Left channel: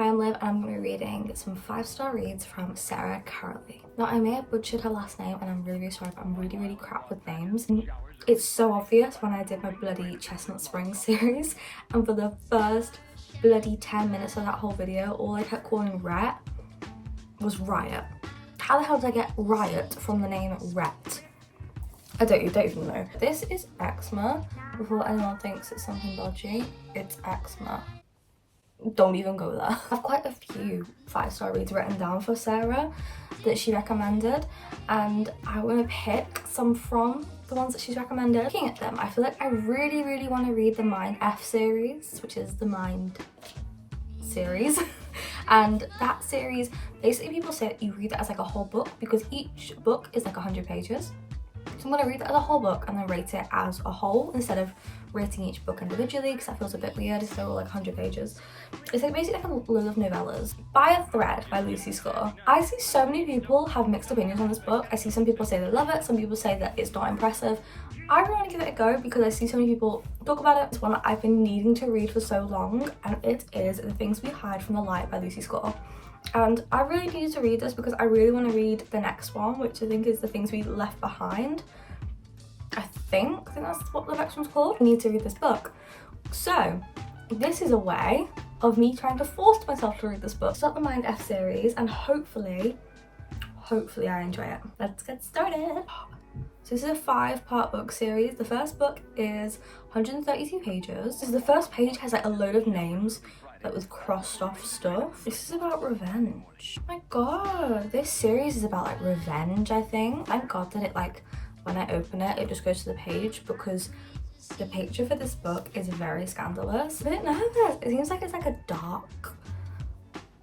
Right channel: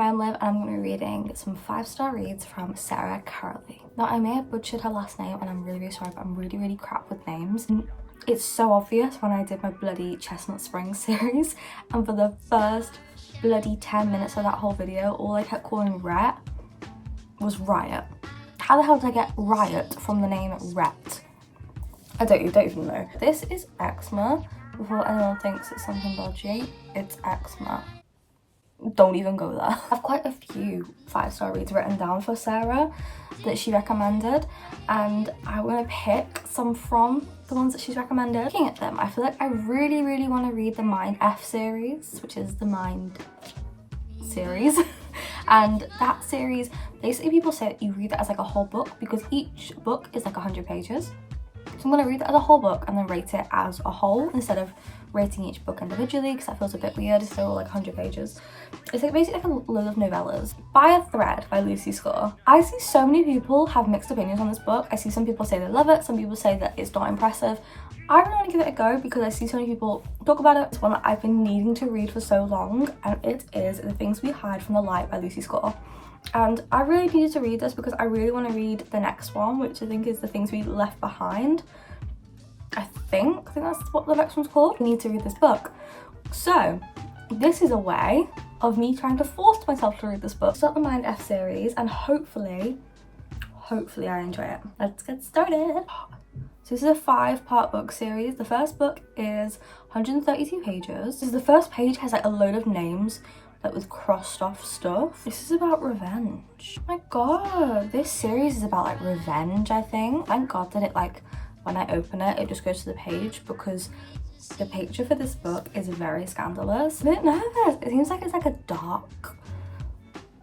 Hi, I'm Liv and I'm going to be reading some 5-star reads from Sarah Carley. Now, I may have butchered her last name and I'm really sorry, but I'm really crap with names. It's so obvious when I did my bloody Chestnut Springs series, and for the first bloody 10 minutes of that whole video, all I kept calling Rhett was Riot. How the hell did I get Riot from the name Rhett? I don't even know. This is eczema. Before anyone thinks it's something dodgy, it's eczema. Don't even go there. I have quite a few 5-star reads written down for Sarah that she recommended, and I want to pick some from the ones that she's recommended. Looking at them, I feel like I really want to read the Mind F series, which is the Mind series. And that series, basically people say that you read that as like a whole book because each book is like 100 pages. So I'm going to read that as a whole book and then rate it as a whole instead of rating each book individually, because that feels a bit weird if they're all like 100 pages. It's like basically like a load of novellas. By a Thread by Lucy Score. I see so many people have mixed opinions on this book. I see some people say they love it, some people say that it's not impressive. I really want to give it a go because I see so many people talk about it. It's one that I've been needing to read for so long, and it is The Things We Hide from the Light by Lucy Score. And I really needed to read this because I really want to read the next one, which I think is The Things We Left Behind. I think that's what the next one's called. I need to read this book. So this is a way of me trying to force myself to read this book. Start the Mind F series and hopefully I enjoy it. Let's get started. So this is a 5-part book series. The first book is 132 pages. So the first page has like a load of names that with crossed off stuff. This is about revenge. Oh my god, this series is about like revenge, I think. Thank god that it like, when I open it, it just goes to the page because the picture for this book is very scandalous. I'm a bit nervous. It seems like it's like a dark,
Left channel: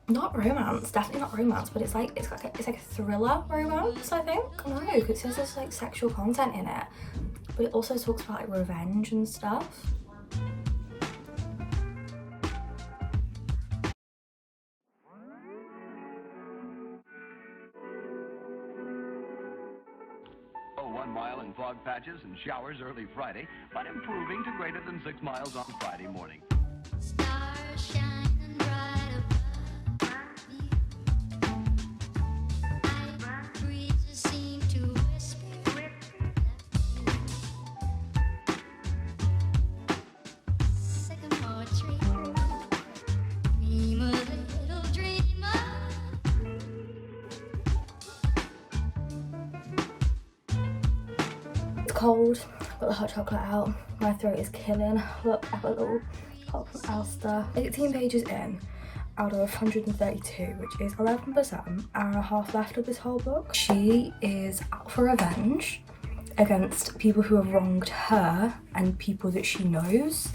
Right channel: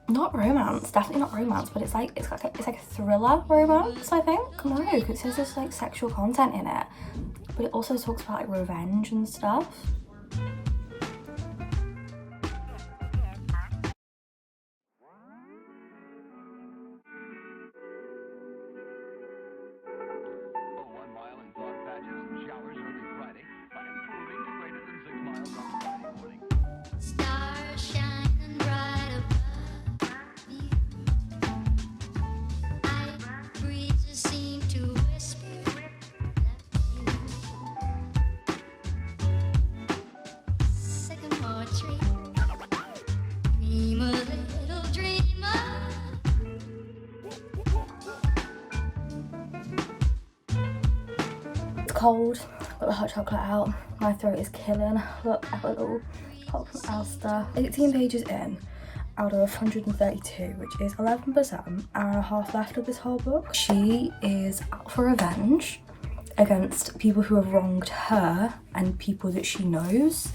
not romance, definitely not romance, but it's like a thriller romance, I think. No, it says there's like sexual content in it, but it also talks about like revenge and stuff. Mile in fog patches and showers early Friday, but improving to greater than 6 miles on Friday morning. Stars shining bright above you. Breezes seem to whisper Sycamore tree. Dream a little dreamer. Cold, got the hot chocolate out, my throat is killing. Look, I've got a little pop from Elster. 18 pages in out of 132, which is 11%, hour and a half left of this whole book. She is out for revenge against people who have wronged her and people that she knows,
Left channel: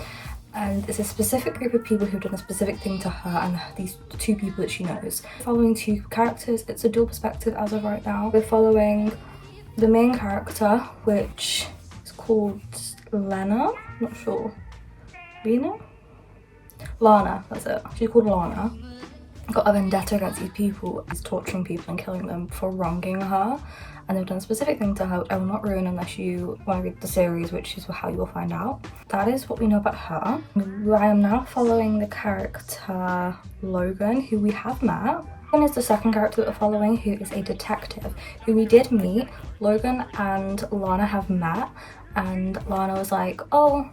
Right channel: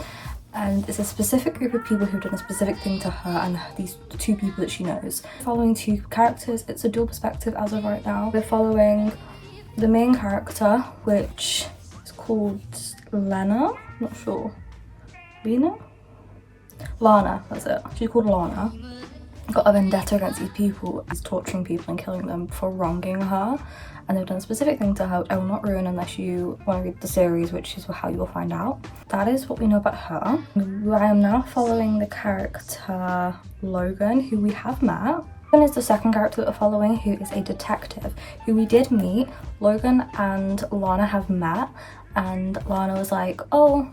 and it's a specific group of people who've done a specific thing to her and these 2 people that she knows. Following 2 characters, it's a dual perspective as of right now. We're following the main character, which is called Lena, not sure. Lena? Lana, that's it. She's called Lana. Got a vendetta against these people. She's torturing people and killing them for wronging her. And they've done a specific thing to her. I will not ruin unless you want to read the series, which is how you will find out. That is what we know about her. I am now following the character Logan, who we have met. Logan is the second character that we're following, who is a detective who we did meet. Logan and Lana have met, and Lana was like, oh,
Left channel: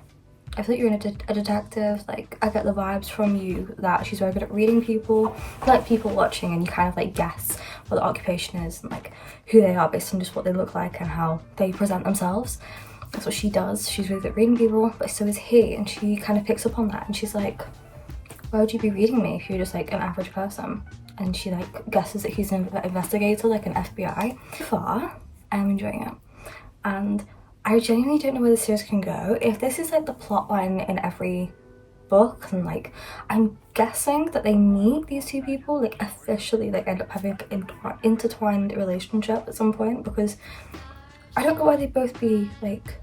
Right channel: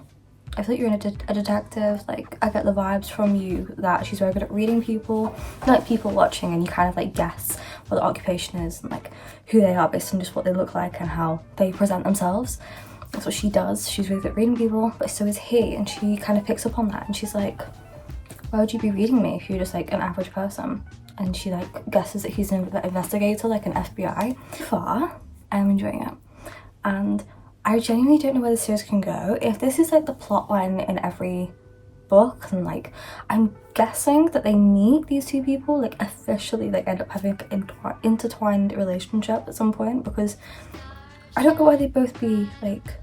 I thought you were a detective, like I get the vibes from you that she's very good at reading people, like people watching, and you kind of like guess what the occupation is and like who they are based on just what they look like and how they present themselves. That's what she does. She's really good at reading people, but so is he, and she kind of picks up on that and she's like, why would you be reading me if you're just like an average person? And she like guesses that he's an investigator, like an FBI. Far, I'm enjoying it. And I genuinely don't know where the series can go. If this is like the plot line in every book, and like I'm guessing that they meet these 2 people, like officially like end up having an intertwined relationship at some point, because I don't know why they'd both be like,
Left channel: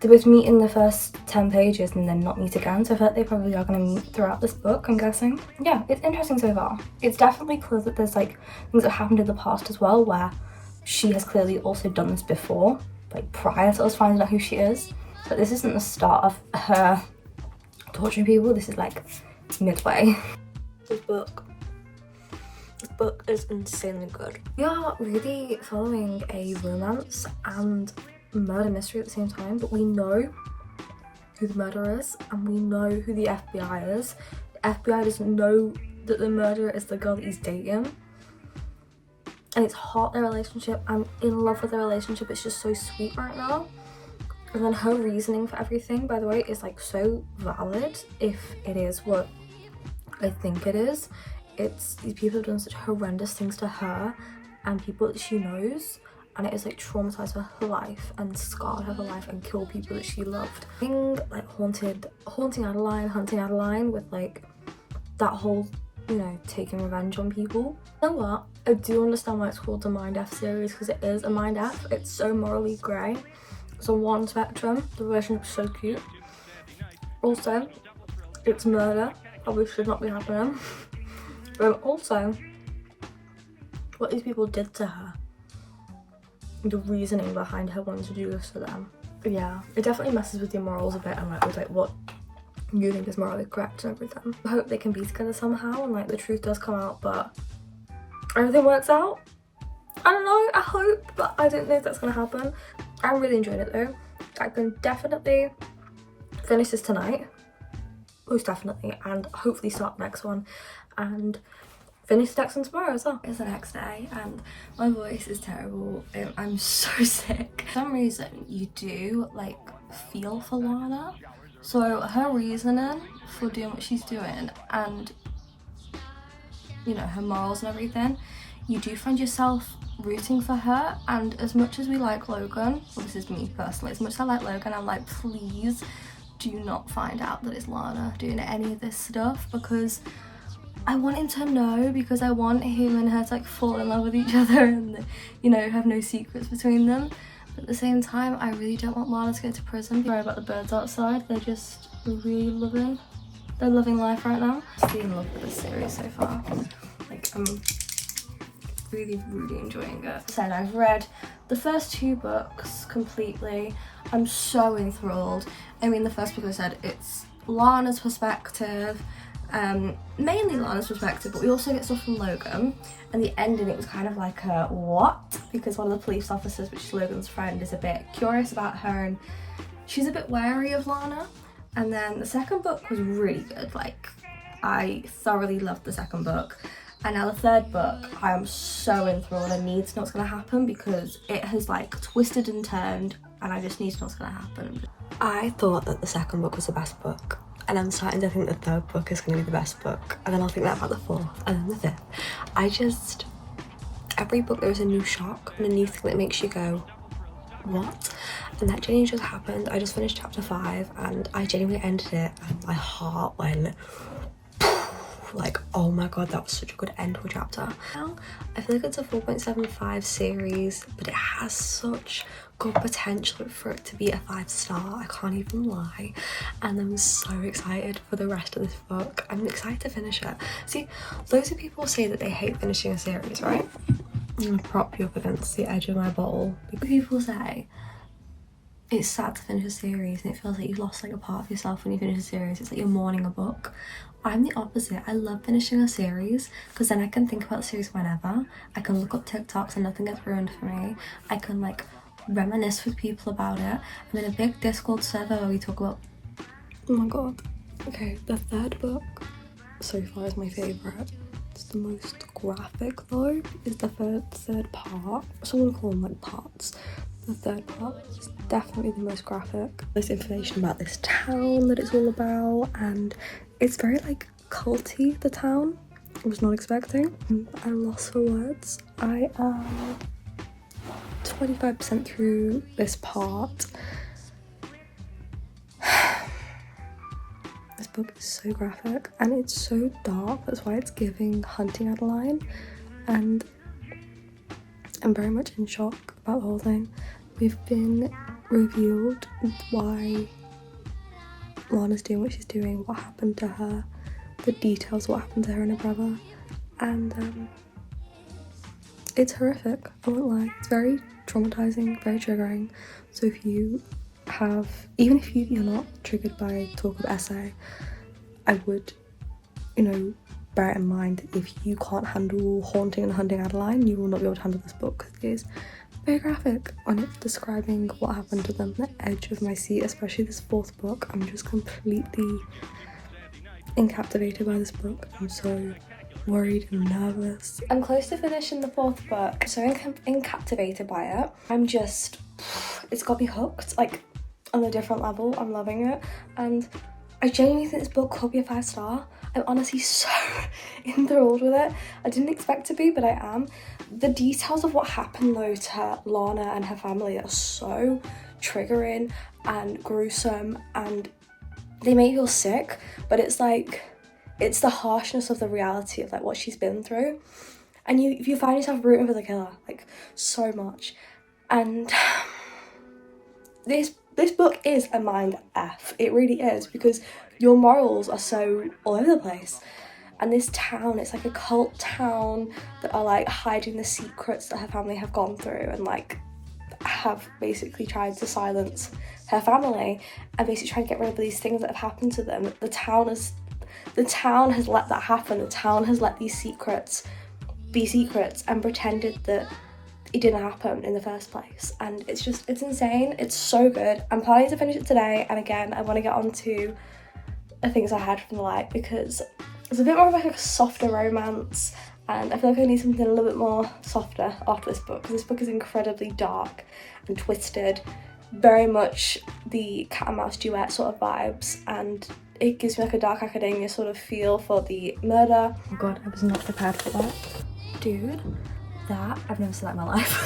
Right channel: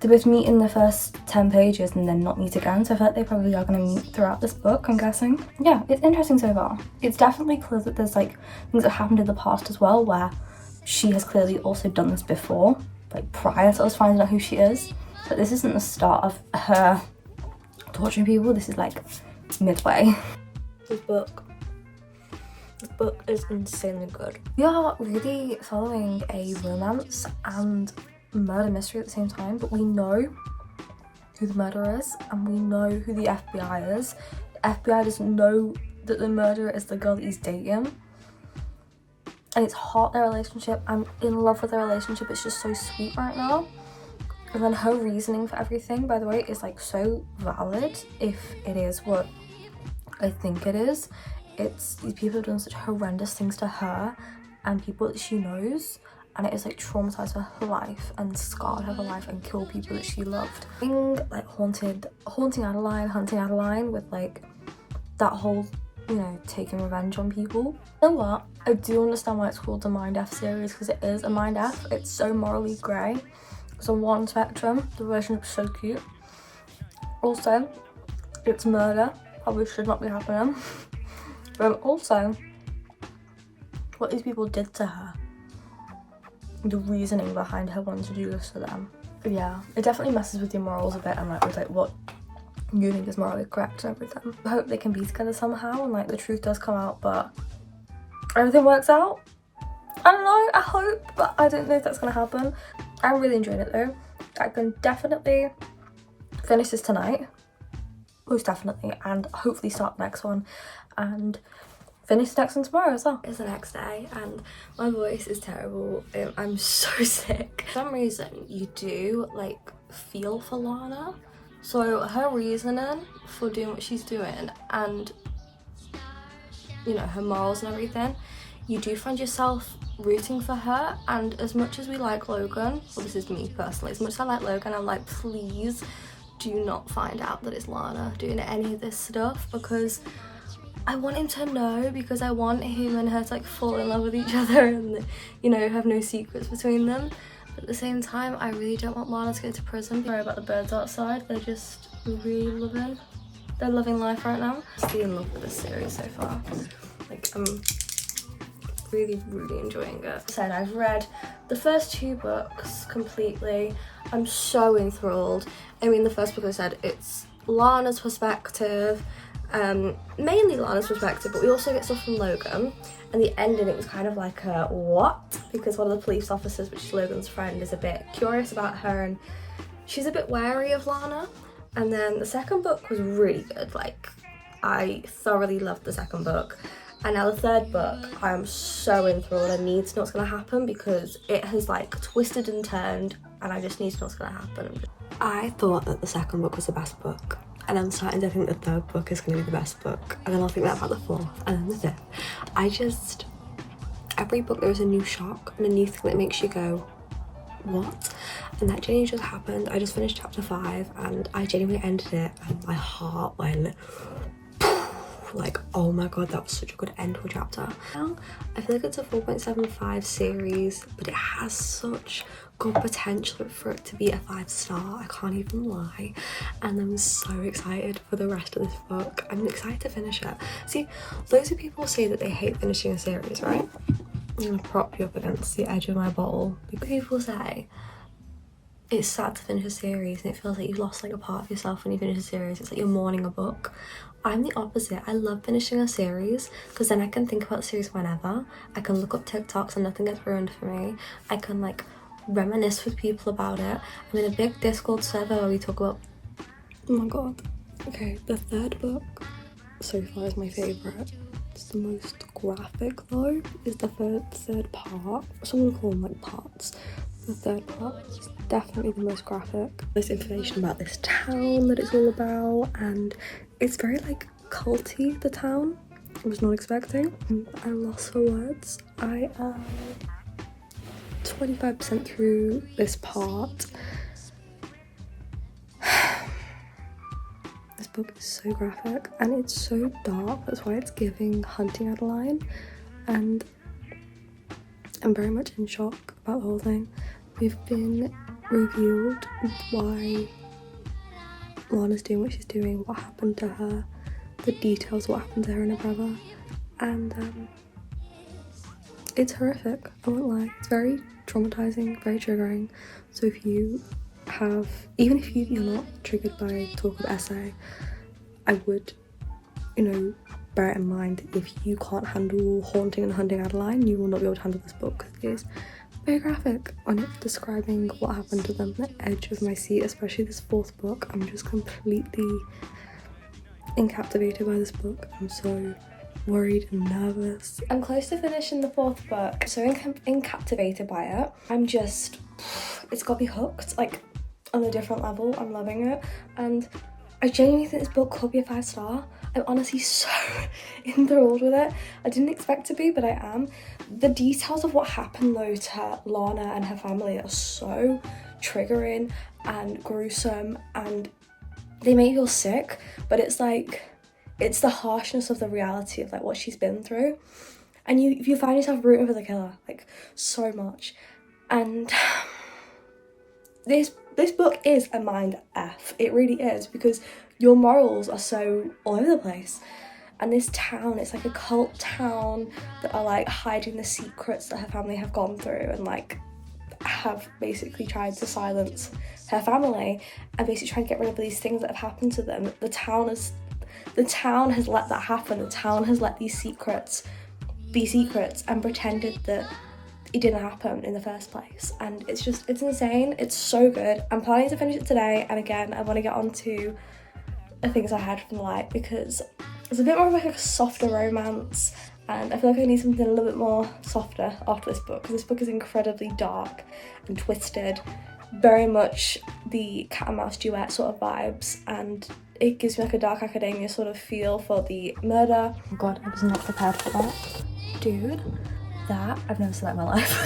they both meet in the first 10 pages and then not meet again, so I feel like they probably are going to meet throughout this book, I'm guessing. Yeah, it's interesting so far. It's definitely clear that there's like things that happened in the past as well, where she has clearly also done this before, like prior to us finding out who she is. But this isn't the start of her torturing people, this is like midway. This book is insanely good. We are really following a romance and murder mystery at the same time, but we know who the murderer is and we know who the FBI is. The FBI doesn't know that the murderer is the girl that he's dating. And it's hot, their relationship. I'm in love with their relationship. It's just so sweet right now. And then her reasoning for everything, by the way, is like so valid if it is what I think it is. It's these people have done such horrendous things to her and people that she knows, and it is like traumatized her life and scarred her life and killed people that she loved. Being like haunting Adeline, hunting Adeline with like that whole, you know, taking revenge on people. You know what? I do understand why it's called the Mind F series, because it is a Mind F. It's so morally grey. It's on one spectrum. The relationship is so cute. Also, it's murder. Probably should not be happening. But also, what these people did to her. The reasoning behind her wanting to do this to them. Yeah, it definitely messes with your morals a bit and like with like what you think is morally correct and everything. I hope they can be together somehow and like the truth does come out, but everything works out. I don't know, I hope, but I don't know if that's gonna happen. I'm really enjoying it though. I can definitely finish this tonight, most definitely, and hopefully start the next one and finish the next one tomorrow as well. It's the next day and my voice is terrible. I'm so sick. For some reason you do like feel for Lana, so her reasoning for doing what she's doing and, you know, her morals and everything, you do find yourself rooting for her. And as much as we like Logan, well, this is me personally, as much as I like Logan, I'm like, please do not find out that it's Lana doing any of this stuff, because I want him to know, because I want him and her to like fall in love with each other and, you know, have no secrets between them. But at the same time, I really don't want Lana to go to prison. Sorry about the birds outside, they're just really loving, they're loving life right now. I'm really in love with this series so far. Like, I'm really enjoying it. As I said, I've read the first 2 books completely. I'm so enthralled. I mean, the first book, I said, it's Lana's perspective, mainly Lana's perspective, but we also get stuff from Logan, and the ending, it was kind of like a what, because one of the police officers, which is Logan's friend, is a bit curious about her and she's a bit wary of Lana. And then the second book was really good. Like, I thoroughly loved the second book. And now the third book, I am so enthralled. I need to know what's going to happen because it has like twisted and turned and I just need to know what's going to happen. I thought that the second book was the best book, and I'm starting to think the third book is going to be the best book, and then I'll think that about the fourth and then the fifth. Every book there is a new shock and a new thing that makes you go, what? And that genuinely just happened. I just finished chapter 5 and I genuinely ended it and my heart went like, oh my god, that was such a good end to a chapter. I feel like it's a 4.75 series, but it has such good potential for it to be a 5-star. I can't even lie, and I'm so excited for the rest of this book. I'm excited to finish it. See, loads of people say that they hate finishing a series, right? I'm gonna prop you up against the edge of my bowl. People say it's sad to finish a series and it feels like you've lost like a part of yourself when you finish a series. It's like you're mourning a book. I'm the opposite. I love finishing a series because then I can think about the series whenever. I can look up TikToks and nothing gets ruined for me. I can like reminisce with people about it. I'm in a big Discord server where we talk about, oh my god. Okay, the third book so far is my favourite. It's the most graphic though, is the third part. So I'm gonna call them like parts. The third part is definitely the most graphic. There's information about this town that it's all about, and it's very like culty, the town. I was not expecting. I'm lost for words. I am 25% through this part. This book is so graphic and it's so dark, that's why it's giving hunting Adeline, and I'm very much in shock about the whole thing. We've been revealed why Lana's doing what she's doing, what happened to her, the details of what happened to her and her brother, and it's horrific, I won't lie. It's very traumatizing, very triggering. So if you have, even if you're not triggered by talk of essay, I would, you know, bear it in mind, if you can't handle Haunting and Hunting Adeline, you will not be able to handle this book. It is very graphic when it's describing what happened to them. The edge of my seat, especially this fourth book. I'm just completely encaptivated by this book. I'm so worried and nervous. I'm close to finishing the fourth book, so encaptivated by it. I'm just, it's got me hooked, like on a different level. I'm loving it, and I genuinely think this book could be a 5-star. I'm honestly so enthralled with it. I didn't expect to be, but I am. The details of what happened though to Lana and her family are so triggering and gruesome, and they make you feel sick, but it's like, it's the harshness of the reality of like what she's been through, and you find yourself rooting for the killer like so much. And this book is a mind F. It really is, because your morals are so all over the place. And this town, it's like a cult town that are like hiding the secrets that her family have gone through, and like have basically tried to silence her family and basically try to get rid of these things that have happened to them. The town has let that happen. The town has let these secrets be secrets and pretended that it didn't happen in the first place. And it's insane. It's so good. I'm planning to finish it today, and again I want to get on to the things I had from the light, because it's a bit more of like a softer romance, and I feel like I need something a little bit more softer after this book, because this book is incredibly dark and twisted, very much the cat and mouse duet sort of vibes, and it gives me like a dark academia sort of feel for the murder. Oh god, I was not prepared for that. Dude, that, I've never seen that in my life.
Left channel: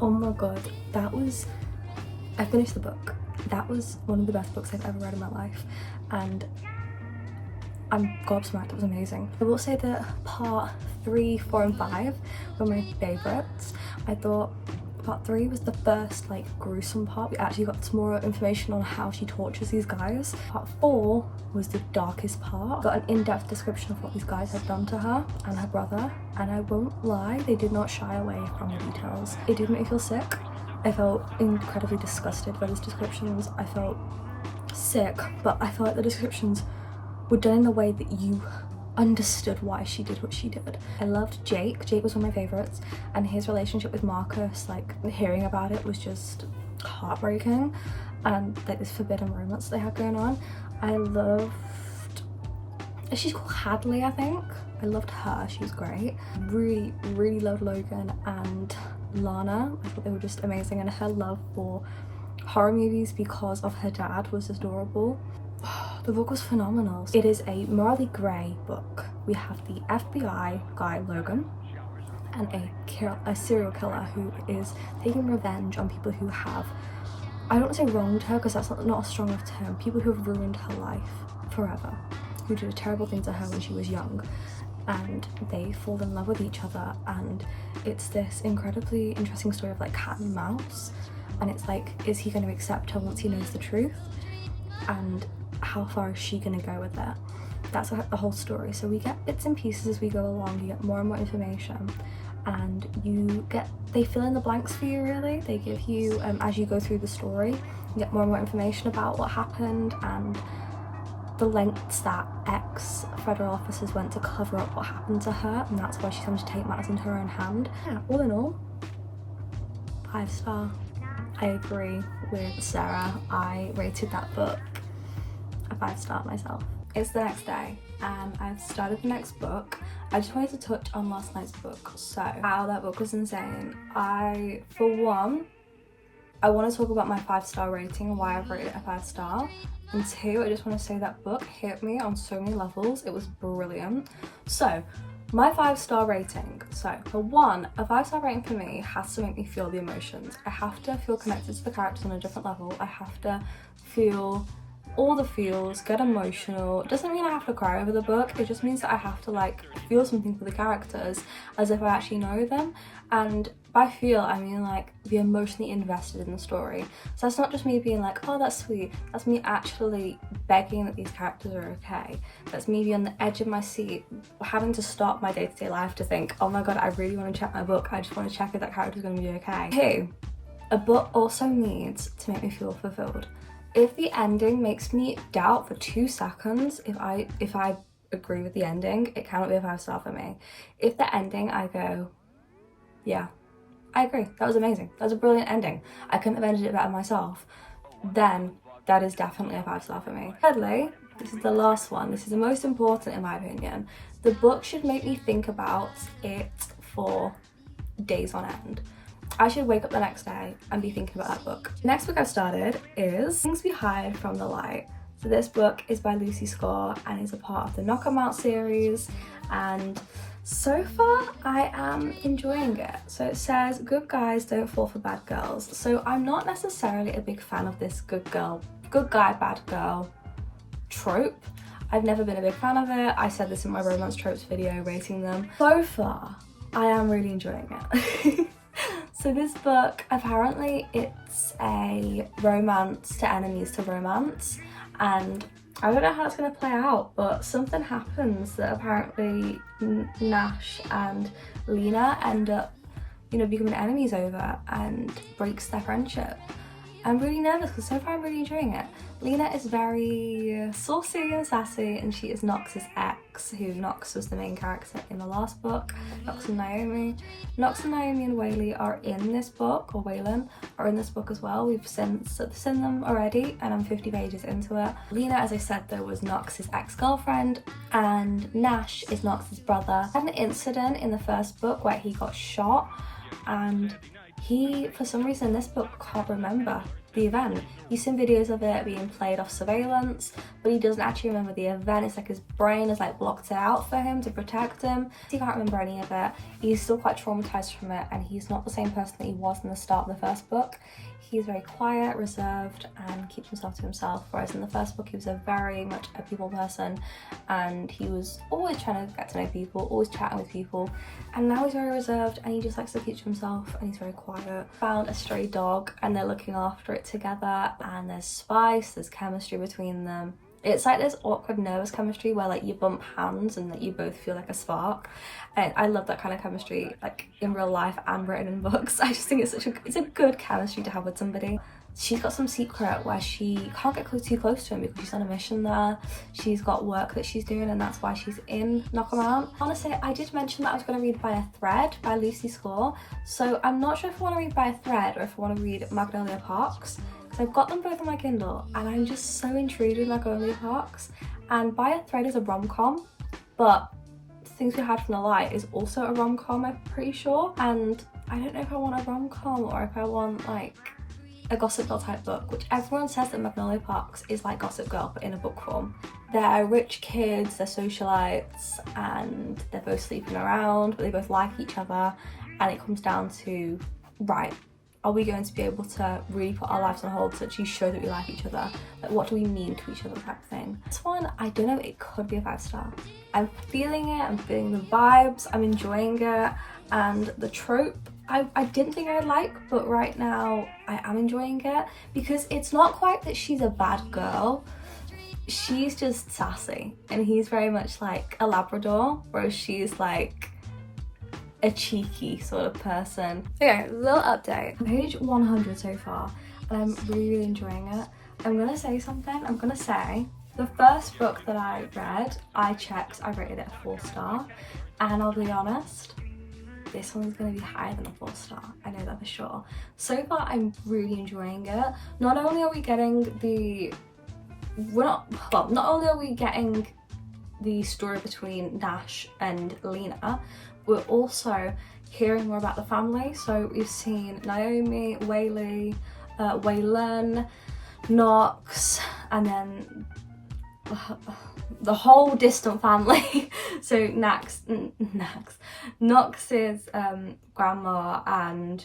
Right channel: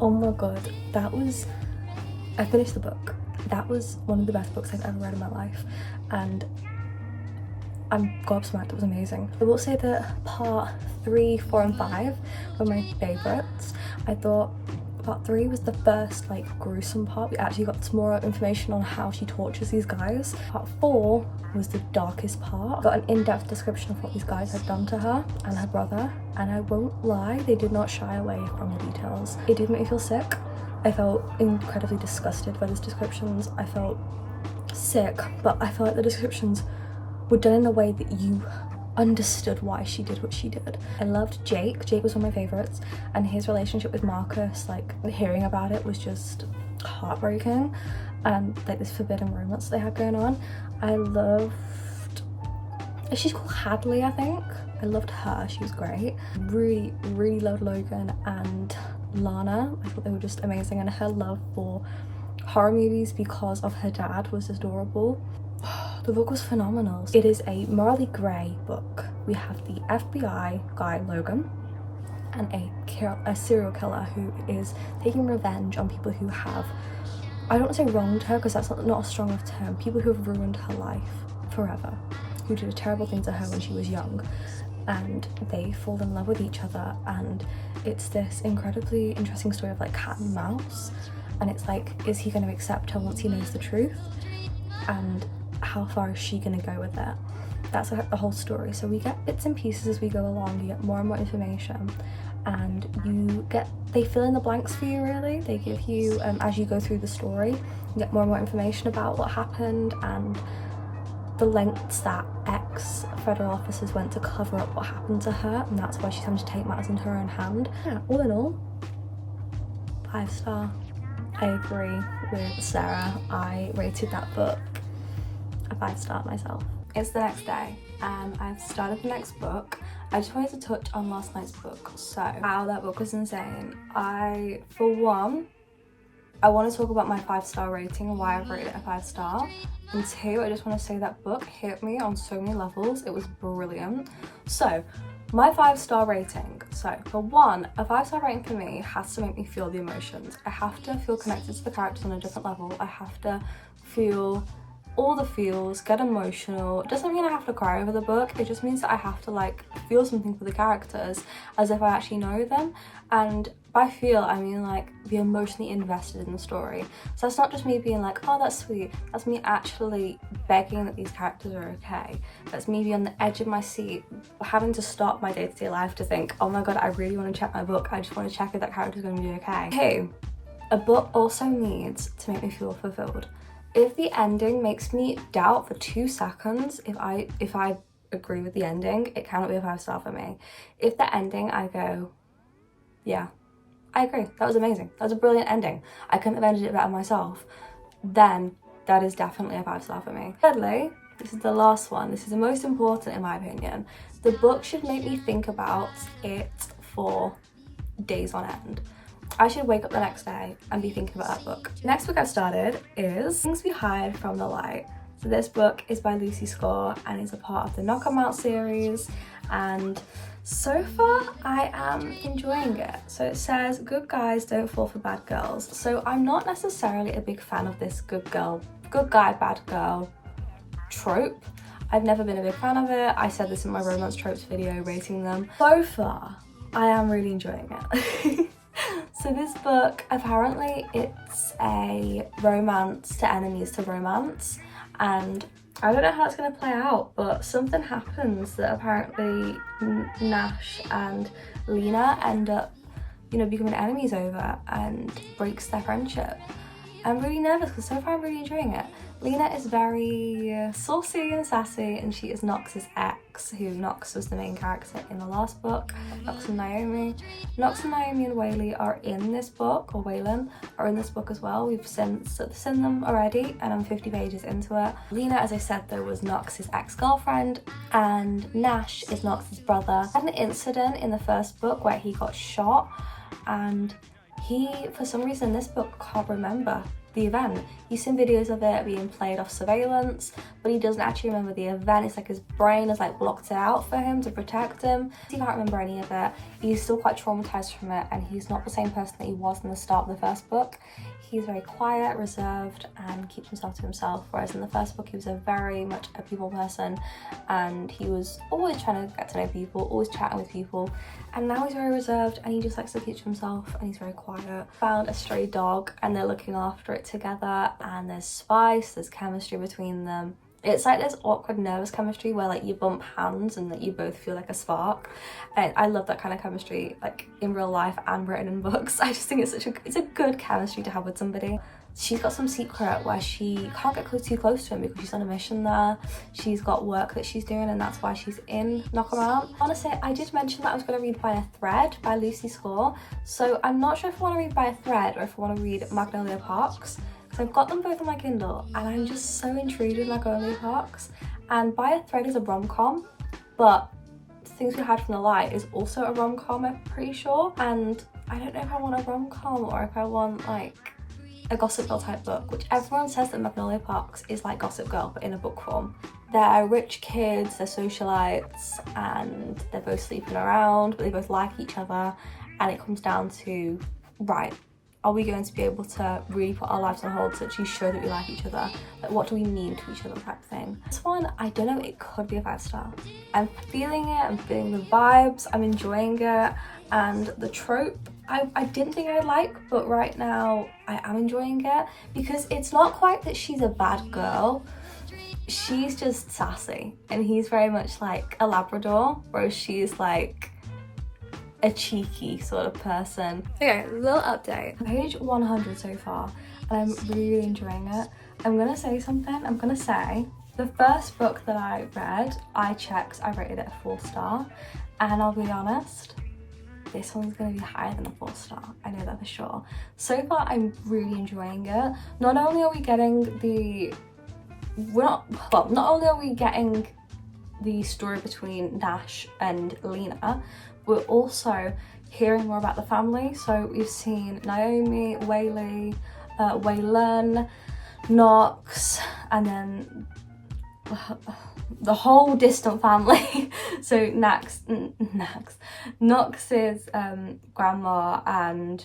Oh my god, I finished the book. That was one of the best books I've ever read in my life, and I'm gobsmacked. It was amazing. I will say that part 3, 4 and 5 were my favourites. I thought part 3 was the first like gruesome part. We actually got some more information on how she tortures these guys. Part 4 was the darkest part. Got an in-depth description of what these guys had done to her and her brother, and I won't lie, they did not shy away from the details. It did make me feel sick. I felt incredibly disgusted by these descriptions. I felt sick, but I felt like the descriptions were done in a way that you understood why she did what she did. I loved Jake. Jake was one of my favourites, and his relationship with Marcus, like hearing about it was just heartbreaking, and like this forbidden romance they had going on. I loved, she's called Hadley, I think. I loved her, she was great. Really loved Logan and Lana. I thought they were just amazing, and her love for horror movies because of her dad was adorable. The book was phenomenal. It is a morally grey book. We have the FBI guy Logan and a serial killer who is taking revenge on people who have, I don't want to say wronged her because that's not a strong enough term, people who have ruined her life forever, who did a terrible thing to her when she was young, and they fall in love with each other, and it's this incredibly interesting story of like cat and mouse, and it's like, is he going to accept her once he knows the truth, and how far is she going to go with that? That's the whole story. So we get bits and pieces as we go along. You get more and more information, and they fill in the blanks for you, really. They give you, as you go through the story, you get more and more information about what happened and the lengths that ex-federal officers went to cover up what happened to her, and that's why she's having to take matters into her own hand. Yeah, all in all, 5-star. I agree with Sarah. I rated that book a 5-star myself. It's the next day and I've started the next book. I just wanted to touch on last night's book. So, wow, that book was insane. For one, I want to talk about my 5-star rating and why I've rated it a 5-star. And 2, I just want to say that book hit me on so many levels. It was brilliant. So, my 5-star rating. So, for one, a 5-star rating for me has to make me feel the emotions. I have to feel connected to the characters on a different level. I have to feel all the feels, get emotional. It doesn't mean I have to cry over the book. It just means that I have to like feel something for the characters as if I actually know them. And by feel, I mean like be emotionally invested in the story. So that's not just me being like, oh, that's sweet. That's me actually begging that these characters are okay. That's me being on the edge of my seat, having to stop my day-to-day life to think, oh my god, I really want to check my book. I just want to check if that character's going to be okay. 2, a book also needs to make me feel fulfilled. If the ending makes me doubt for 2 seconds if I agree with the ending, it cannot be a 5-star for me. If the ending, I go, yeah, I agree, that was amazing, that was a brilliant ending, I couldn't have ended it better myself, then that is definitely a 5-star for me. Thirdly, this is the last one, this is the most important in my opinion. The book should make me think about it for days on end. I should wake up the next day and be thinking about that book. Next book I've started is Things We Hide from the Light. So this book is by Lucy Score and is a part of the Knock 'Em Out series, and so far I am enjoying it. So it says, good guys don't fall for bad girls. So I'm not necessarily a big fan of this good guy, bad girl trope. I've never been a big fan of it. I said this in my romance tropes video, rating them. So far, I am really enjoying it. So this book, apparently it's a romance to enemies to romance, and I don't know how it's going to play out, but something happens that apparently Nash and Lena end up, you know, becoming enemies over, and breaks their friendship. I'm really nervous because so far I'm really enjoying it. Lena is very saucy and sassy, and she is Nox's ex, who Nox was the main character in the last book, Nox and Naomi. Nox and Naomi and Whaley are in this book, or Waylon are in this book as well. We've seen them already, and I'm 50 pages into it. Lena, as I said though, was Nox's ex-girlfriend, and Nash is Nox's brother. Had an incident in the first book where he got shot, and he, for some reason, in this book can't remember the event. He's seen videos of it being played off surveillance, but he doesn't actually remember the event. It's like his brain has like blocked it out for him to protect him. He can't remember any of it. He's still quite traumatized from it, and he's not the same person that he was in the start of the first book. He's very quiet, reserved, and keeps himself to himself, whereas in the first book he was a very much a people person, and he was always trying to get to know people, always chatting with people, and now he's very reserved and he just likes to keep to himself, and he's very quiet. Found a stray dog and they're looking after it together, and there's spice, there's chemistry between them. It's like this awkward nervous chemistry where like you bump hands and that you both feel like a spark, and I love that kind of chemistry, like in real life and written in books. I just think it's a good chemistry to have with somebody. She's got some secret where she can't get too close to him because she's on a mission there. She's got work that she's doing, and that's why she's in Knock 'Em Out. Honestly, I did mention that I was going to read by a thread by Lucy Score, so I'm not sure if I want to read by a thread or if I want to read Magnolia Parks. I've got them both on my Kindle, and I'm just so intrigued with Magnolia Parks. And By a Thread is a rom-com, but Things We Hide from the Light is also a rom-com, I'm pretty sure. And I don't know if I want a rom-com or if I want like a Gossip Girl type book, which everyone says that Magnolia Parks is like Gossip Girl but in a book form. They're rich kids, they're socialites, and they're both sleeping around, but they both like each other, and it comes down to, right, are we going to be able to really put our lives on hold to actually show that we like each other? Like, what do we mean to each other type thing? This one, I don't know, it could be a 5-star. I'm feeling it, I'm feeling the vibes, I'm enjoying it, and the trope, I didn't think I'd like, but right now I am enjoying it, because it's not quite that she's a bad girl, she's just sassy, and he's very much like a Labrador, whereas she's like a cheeky sort of person. Okay, little update. Page 100 so far, and I'm really enjoying it. I'm gonna say something. I'm gonna say the first book that I read, I checked, I rated it a 4-star, and I'll be honest, this one's gonna be higher than a 4-star. I know that for sure. So far, I'm really enjoying it. Not only are we getting not only are we getting the story between Nash and Lena, we're also hearing more about the family. So we've seen Naomi, Whaley, Waylon, Nox, and then the whole distant family. So Nox's grandma, and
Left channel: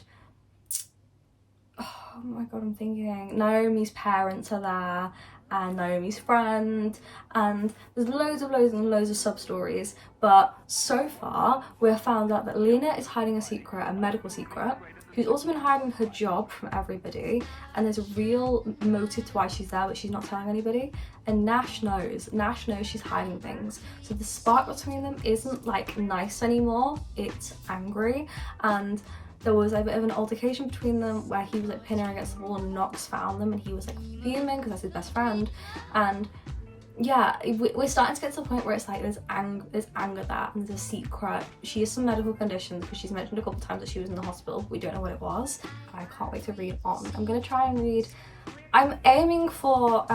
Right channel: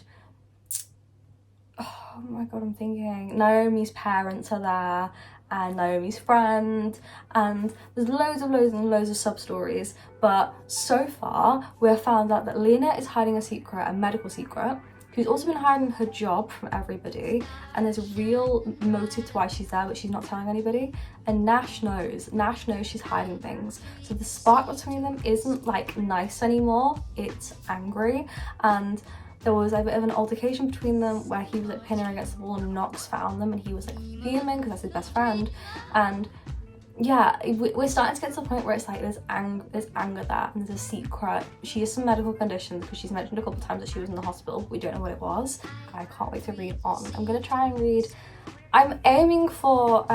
oh my god, I'm thinking Naomi's parents are there, and Naomi's friend, and there's loads of sub-stories. But so far we've found out that Lena is hiding a secret, a medical secret. She's also been hiding her job from everybody, and there's a real motive to why she's there, but she's not telling anybody. And Nash knows she's hiding things. So the spark between them isn't like nice anymore, it's angry. And there was a bit of an altercation between them where he was like pinning her against the wall, and Nox found them, and he was like fuming because that's his best friend. And yeah, we're starting to get to the point where it's like there's anger there and there's a secret. She has some medical conditions because she's mentioned a couple of times that she was in the hospital. We don't know what it was. I can't wait to read on. I'm gonna try and read. I'm aiming for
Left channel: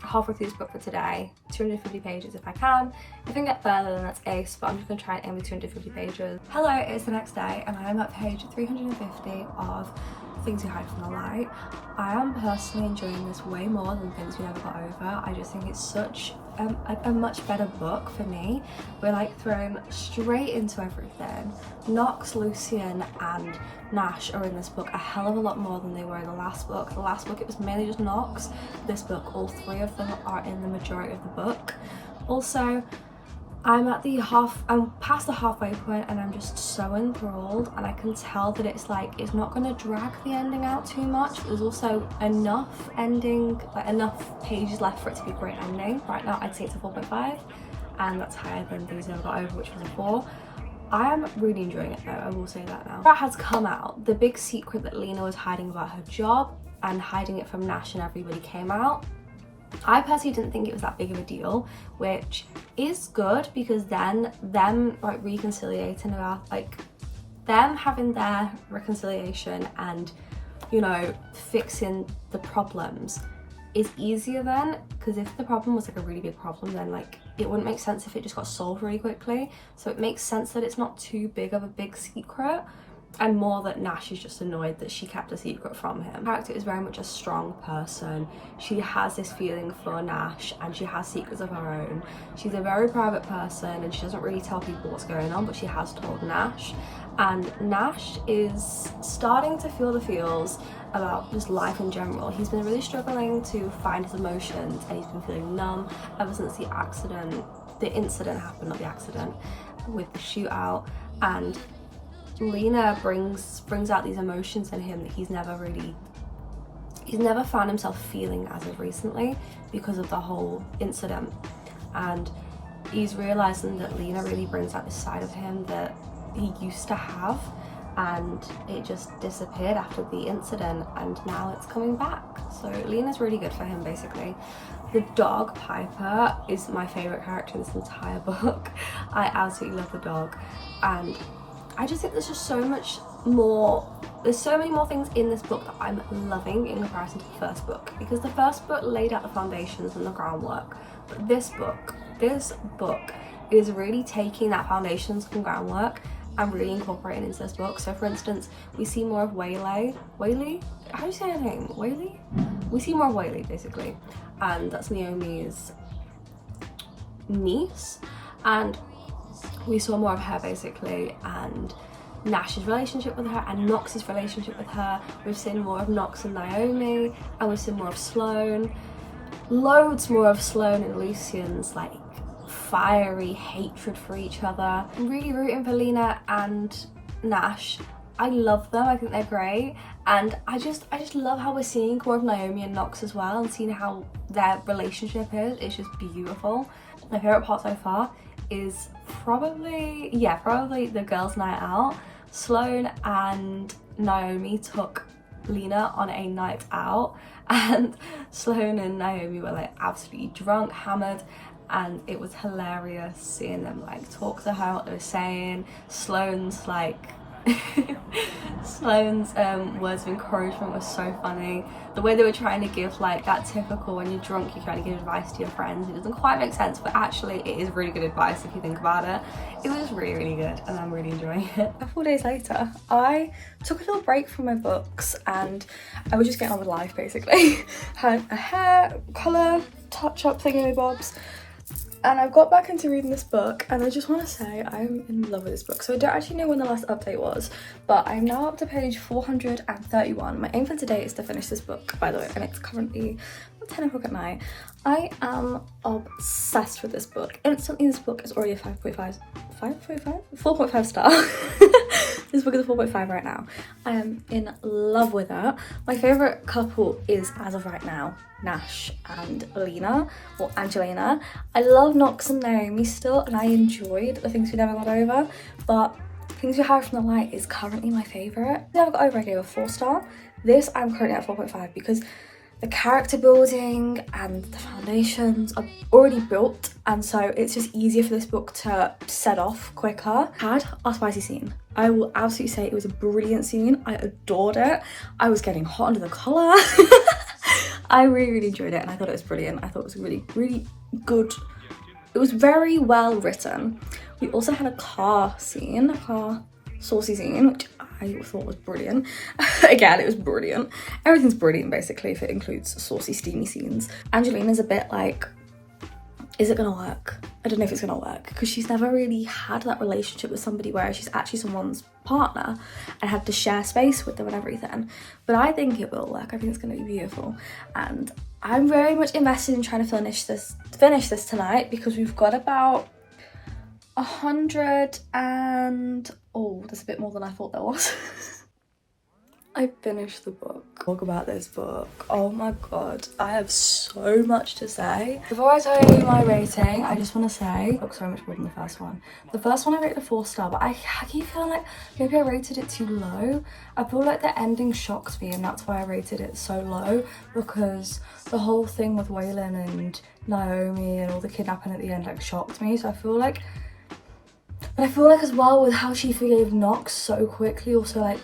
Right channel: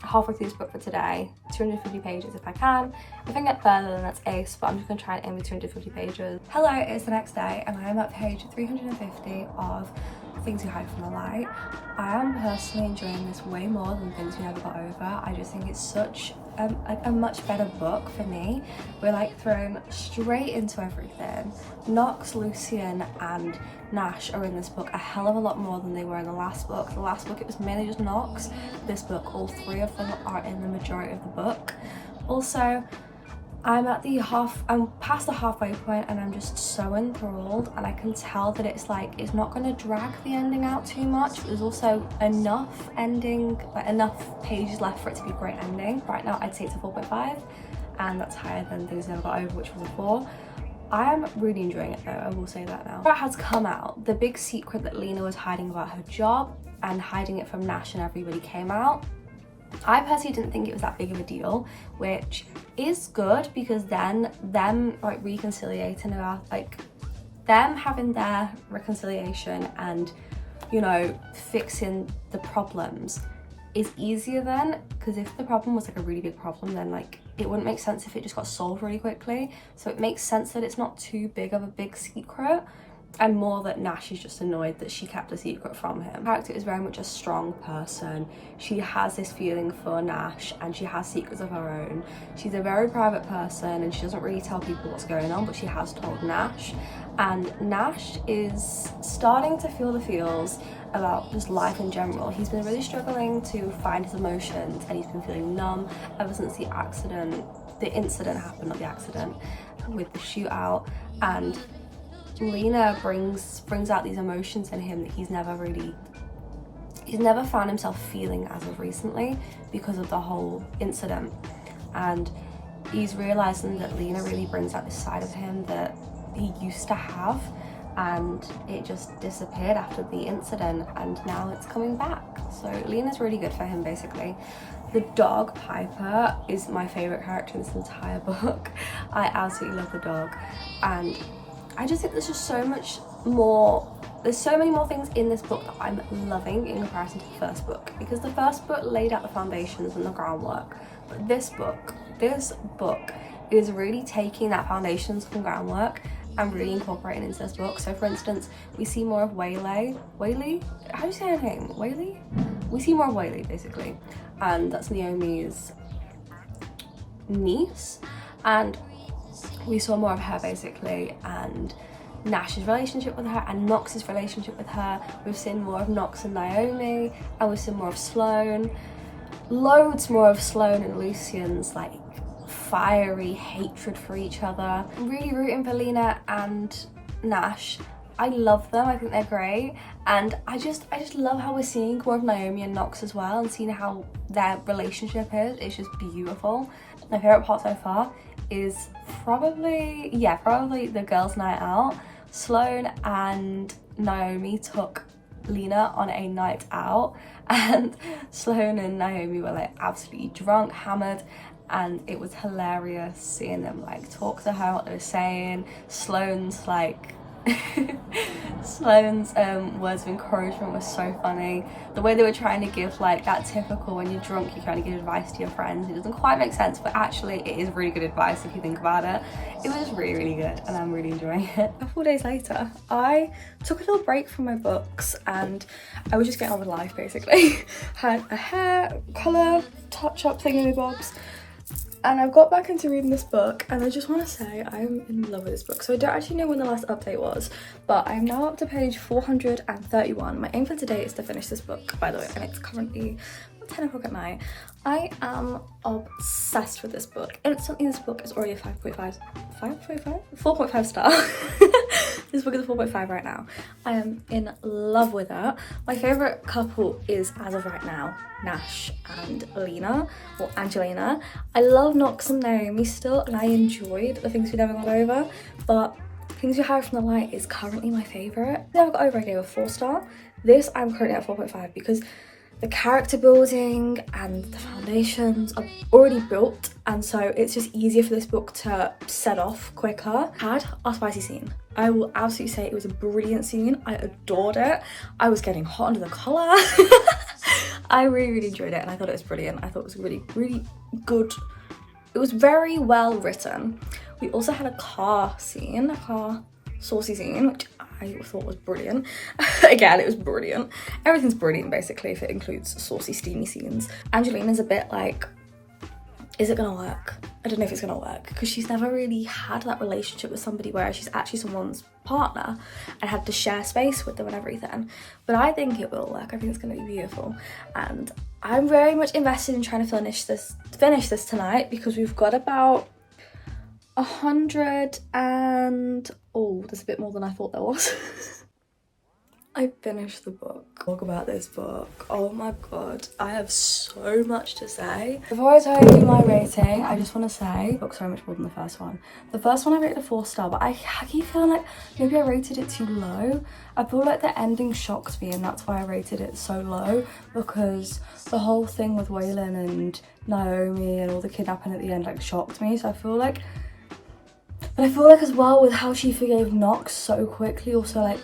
halfway through this book for today, 250 pages if I can. If I can get further then that's ace, but I'm just gonna try and aim for 250 pages. Hello, it's the next day and I'm at page 350 of Things We Hide From the Light. I am personally enjoying this way more than Things We Never Got Over. I just think it's such a much better book for me. We're like thrown straight into everything. Knox, Lucian and Nash are in this book a hell of a lot more than they were in the last book. The last book it was mainly just Knox. This book all three of them are in the majority of the book. Also, I'm past the halfway point and I'm just so enthralled, and I can tell that it's like it's not going to drag the ending out too much. There's also enough pages left for it to be a great ending. Right now I'd say it's a 4.5 and that's higher than Things Never Got Over, which was a 4. I am really enjoying it though, I will say that now. That has come out. The big secret that Lena was hiding about her job and hiding it from Nash and everybody came out. I personally didn't think it was that big of a deal, which is good because then them like reconciliating about like them having their reconciliation and, you know, fixing the problems is easier then, because if the problem was like a really big problem then like it wouldn't make sense if it just got solved really quickly. So it makes sense that it's not too big of a big secret, and more that Nash is just annoyed that she kept a secret from him. The character is very much a strong person. She has this feeling for Nash and she has secrets of her own. She's a very private person and she doesn't really tell people what's going on, but she has told Nash. And Nash is starting to feel the feels about just life in general. He's been really struggling to find his emotions and he's been feeling numb ever since the incident happened, not the accident, with the shootout. And Lena brings out these emotions in him that he's never found himself feeling as of recently because of the whole incident. And he's realizing that Lena really brings out this side of him that he used to have, and it just disappeared after the incident and now it's coming back. So Lena's really good for him basically. The dog Piper is my favorite character in this entire book. I absolutely love the dog, and I just think there's just so much more, there's so many more things in this book that I'm loving in comparison to the first book, because the first book laid out the foundations and the groundwork, but this book is really taking that foundations and groundwork and really incorporating into this book. So for instance, we see more of Whaley, how do you say her name? Whaley? We see more of Whaley basically, and that's Naomi's niece, and we saw more of her basically, and Nash's relationship with her and Knox's relationship with her. We've seen more of Knox and Naomi, and we've seen more of Sloane, loads more of Sloane and Lucian's like fiery hatred for each other. I'm really rooting for Lena and Nash. I love them, I think they're great, and I just love how we're seeing more of Naomi and Knox as well, and seeing how their relationship is. It's just beautiful. My favourite part so far is probably the girls' night out. Sloane and Naomi took Lena on a night out, and Sloane and Naomi were like absolutely drunk, hammered, and it was hilarious seeing them like talk to her, what they were saying. Sloane's like Sloane's words of encouragement was so funny. The way they were trying to give like that typical when you're drunk you kind of give advice to your friends. It doesn't quite make sense, but actually it is really good advice if you think about it. It was just really, really good and I'm really enjoying it. A couple days later, I took a little break from my books and I was just getting on with life basically. Had a hair, colour, touch-up thingamabobs. And I've got back into reading this book and I just want to say I'm in love with this book. So I don't actually know when the last update was, but I'm now up to page 431. My aim for today is to finish this book, by the way, and it's currently 10 o'clock at night. I am obsessed with this book. Instantly, this book is already a 4.5 star. This book is a 4.5 right now. I am in love with it. My favourite couple is, as of right now, Nash and Lena, or Angelina. I love Knox and Naomi still, and I enjoyed The Things We Never Got Over, but Things We Hide From the Light is currently my favourite. Never Got Over I gave a 4 star. This I'm currently at 4.5 because the character building and the foundations are already built, and so it's just easier for this book to set off quicker. Had our spicy scene. I will absolutely say it was a brilliant scene. I adored it. I was getting hot under the collar. I really enjoyed it, and I thought it was brilliant. I thought it was really good. It was very well written. We also had a car scene, a car saucy scene, which I thought was brilliant. Again, it was brilliant. Everything's brilliant basically if it includes saucy, steamy scenes. Angelina's a bit like, is it gonna work? I don't know if it's gonna work, because she's never really had that relationship with somebody where she's actually someone's partner and had to share space with them and everything. But I think it will work. I think it's gonna be beautiful, and I'm very much invested in trying to finish this tonight, because we've got about 100 and there's a bit more than I thought there was. I finished the book. Talk about this book. Oh my god, I have so much to say. Before I tell you my rating, I just want to say the book's so much more than the first one. The first one I rated a 4-star, but I keep feeling like maybe I rated it too low. I feel like the ending shocked me, and that's why I rated it so low, because the whole thing with Waylon and Naomi and all the kidnapping at the end like shocked me. So I feel like as well with how she forgave Knox so quickly also like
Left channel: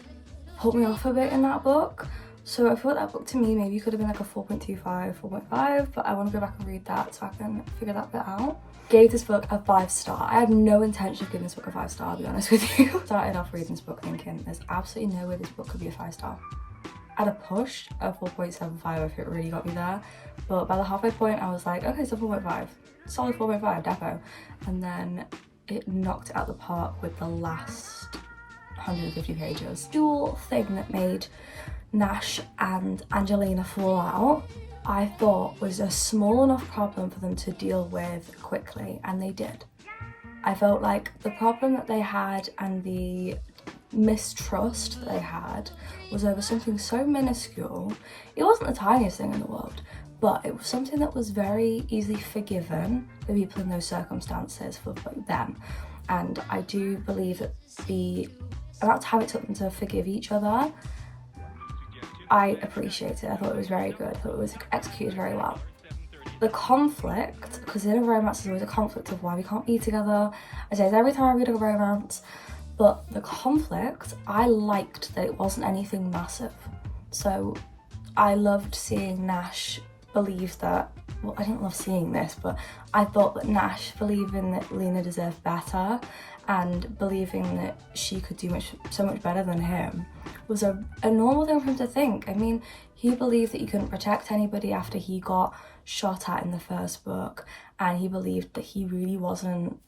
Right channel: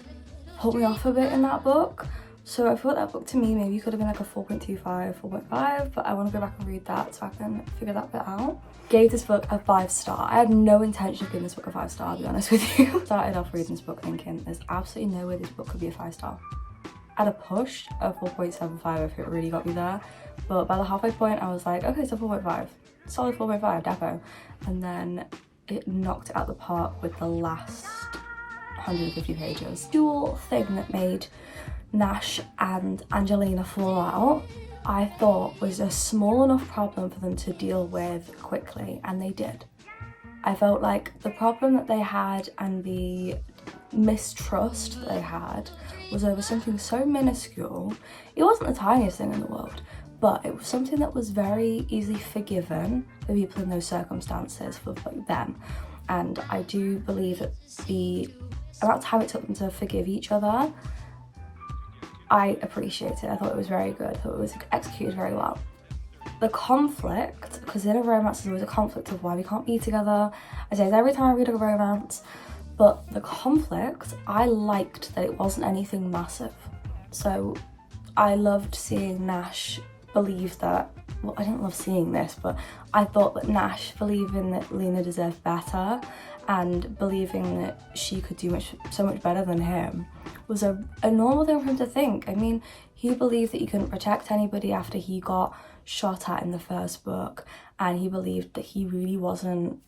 put me off a bit in that book. So I thought that book to me maybe could have been like a 4.25, 4.5, but I want to go back and read that so I can figure that bit out. Gave this book a 5-star. I had no intention of giving this book a 5-star, I'll be honest with you. Started off reading this book thinking there's absolutely no way this book could be a 5-star. At a push, a 4.75 if it really got me there. But by the halfway point I was like, okay, so 4.5. Solid 4.5, defo. And then it knocked it out the park with the last 150 pages. The dual thing that made Nash and Angelina fall out, I thought was a small enough problem for them to deal with quickly, and they did. I felt like the problem that they had and the mistrust that they had was over something so minuscule. It wasn't the tiniest thing in the world, but it was something that was very easily forgiven for people in those circumstances, for like them. And I do believe that the amount of time it took them to forgive each other, I appreciate it. I thought it was very good. I thought it was executed very well. The conflict, because in a romance there's always a conflict of why we can't be together. I say this every time I read a romance, but the conflict, I liked that it wasn't anything massive. So I loved seeing Nash believe that, well, I didn't love seeing this, but I thought that Nash believing that Lena deserved better and believing that she could do so much better than him was a normal thing for him to think. I mean, he believed that he couldn't protect anybody after he got shot at in the first book, and he believed that he wasn't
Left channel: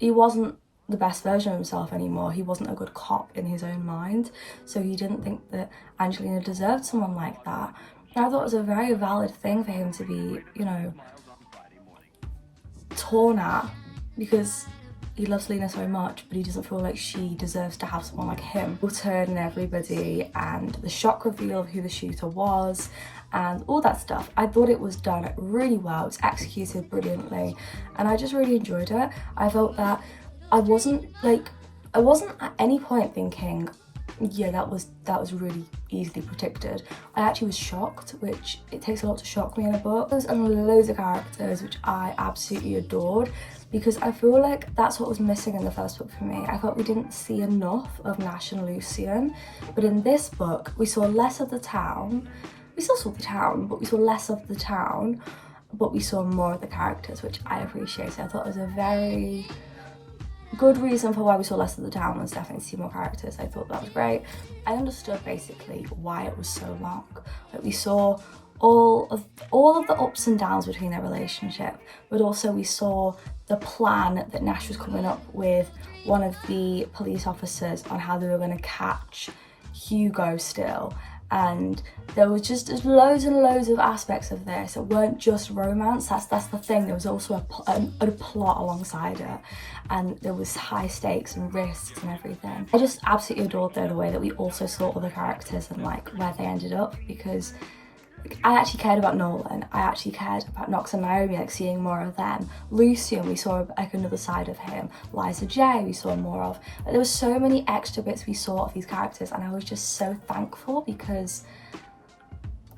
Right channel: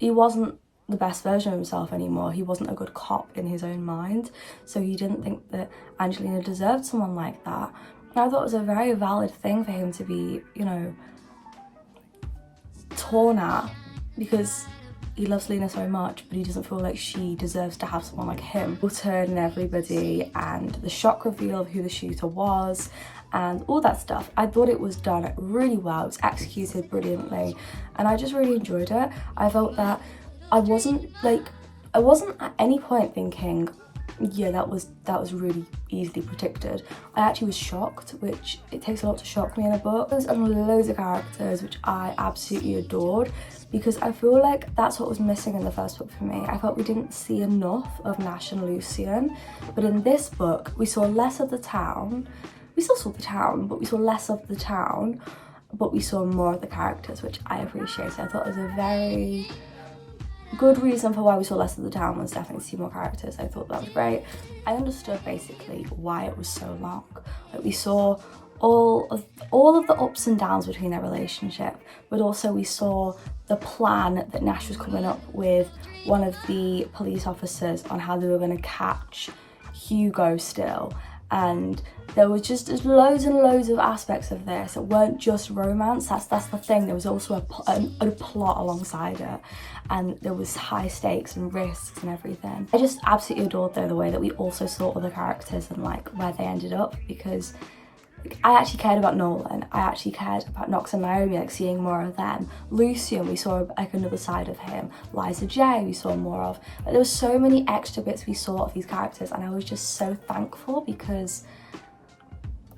the best version of himself anymore. He wasn't a good cop in his own mind, so he didn't think that Angelina deserved someone like that. And I thought it was a very valid thing for him to be, you know, torn at, because he loves Lena so much, but he doesn't feel like she deserves to have someone like him. We'll turn everybody, and the shock reveal of who the shooter was, and all that stuff. I thought it was done really well. It was executed brilliantly, and I just really enjoyed it. I felt that I wasn't at any point thinking, yeah, that was really easily predicted. I actually was shocked, which it takes a lot to shock me in a book. And loads of characters, which I absolutely adored, because I feel like that's what was missing in the first book for me. I felt we didn't see enough of Nash and Lucien, but in this book we saw less of the town. We still saw the town, but we saw less of the town, but we saw more of the characters, which I appreciated. I thought it was a very good reason for why we saw less of the town was definitely to see more characters. I thought that was great. I understood basically why it was so long. Like, we saw all of the ups and downs between their relationship, but also we saw the plan that Nash was coming up with one of the police officers on how they were going to catch Hugo still. And there was just loads and loads of aspects of this. It weren't just romance. That's the thing. There was also a plot alongside it, and there was high stakes and risks and everything. I just absolutely adored though the way that we also saw other characters and like where they ended up, because I actually cared about Nolan. I actually cared about Knox and Naomi, like seeing more of them. Lucien, we saw like another side of him. Liza J, we saw more of. But there were so many extra bits we saw of these characters, and I was just so thankful, because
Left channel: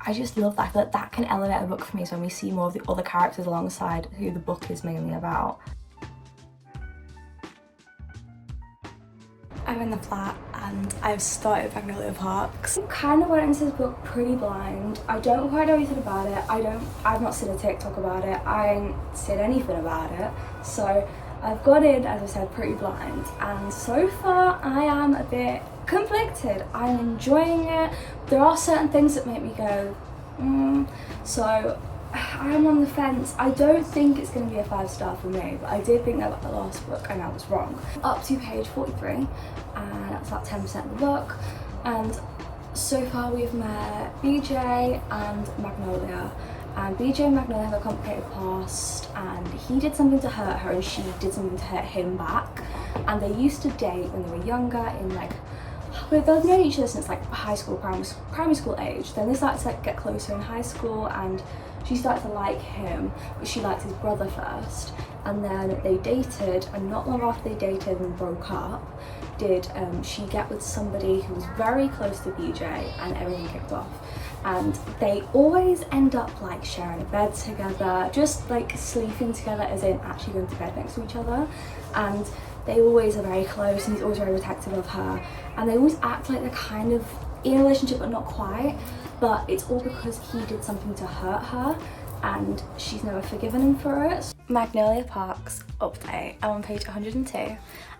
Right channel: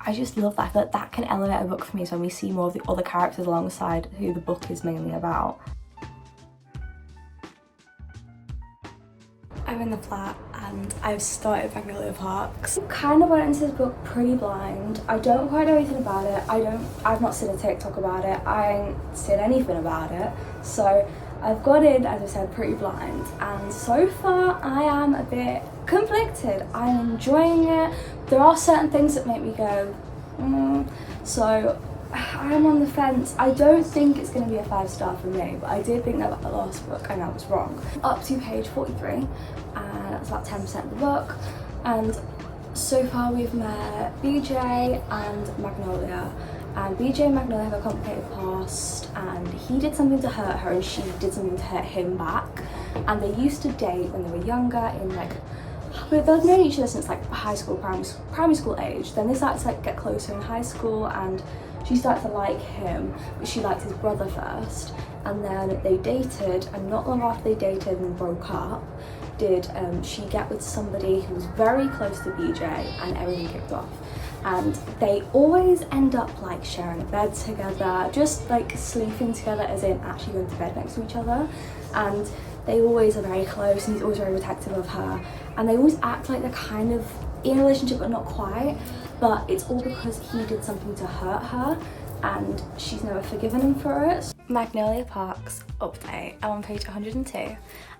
I just love that. I feel like that can elevate a book for me, so when we see more of the other characters alongside who the book is mainly about. I'm in the flat and I've started Magnolia Parks. I kind of went into this book pretty blind. I don't quite know anything about it. I've not seen a TikTok about it. I ain't seen anything about it. So I've got in, as I said, pretty blind. And so far I am a bit conflicted. I'm enjoying it. There are certain things that make me go, so I'm on the fence. I don't think it's going to be a 5-star for me, but I did think that about the last book and I was wrong. Up to page 43, and that's about 10% of the book. And so far we've met BJ and Magnolia. And BJ and Magnolia have a complicated past, and he did something to hurt her and she did something to hurt him back. And they used to date when they were younger, in like, they've known each other since like high school, primary school age. Then they started to like get closer in high school, and she started to like him, but she liked his brother first. And then they dated, and not long after they dated and broke up, did she get with somebody who was very close to BJ, and everything kicked off. And they always end up like sharing a bed together, just like sleeping together, as in actually going to bed next to each other. And they always are very close, and he's always very protective of her, and they always act like they're kind of in a relationship but not quite. But it's all because he did something to hurt her and she's never forgiven him for it. Magnolia Parks update. I'm on page 102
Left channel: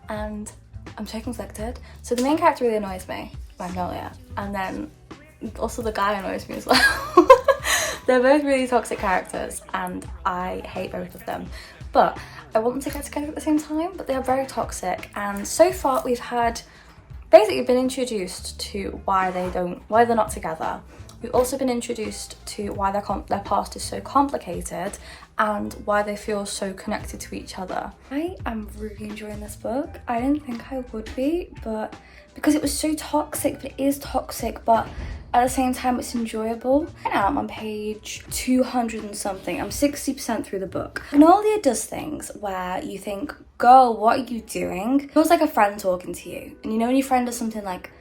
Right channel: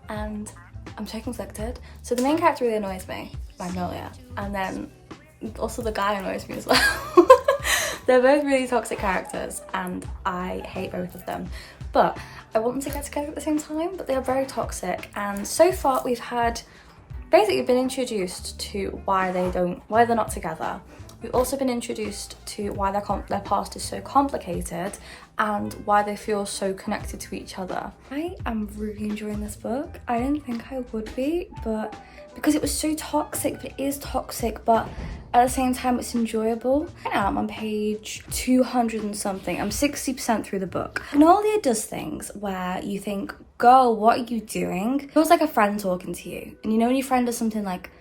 and I'm so conflicted. So the main character really annoys me, Magnolia, and then also the guy annoys me as well. They're both really toxic characters and I hate both of them, but I want them to get together at the same time. But they are very toxic, and so far we've had basically been introduced to why they're not together. We've also been introduced to why their past is so complicated and why they feel so connected to each other. I am really enjoying this book. I didn't think I would be, but because it was so toxic, but it is toxic, but at the same time it's enjoyable. Right now I'm on page 200 and something. I'm 60% through the book. Magnolia does things where you think, girl, what are you doing? It feels like a friend talking to you. And you know when your friend does something like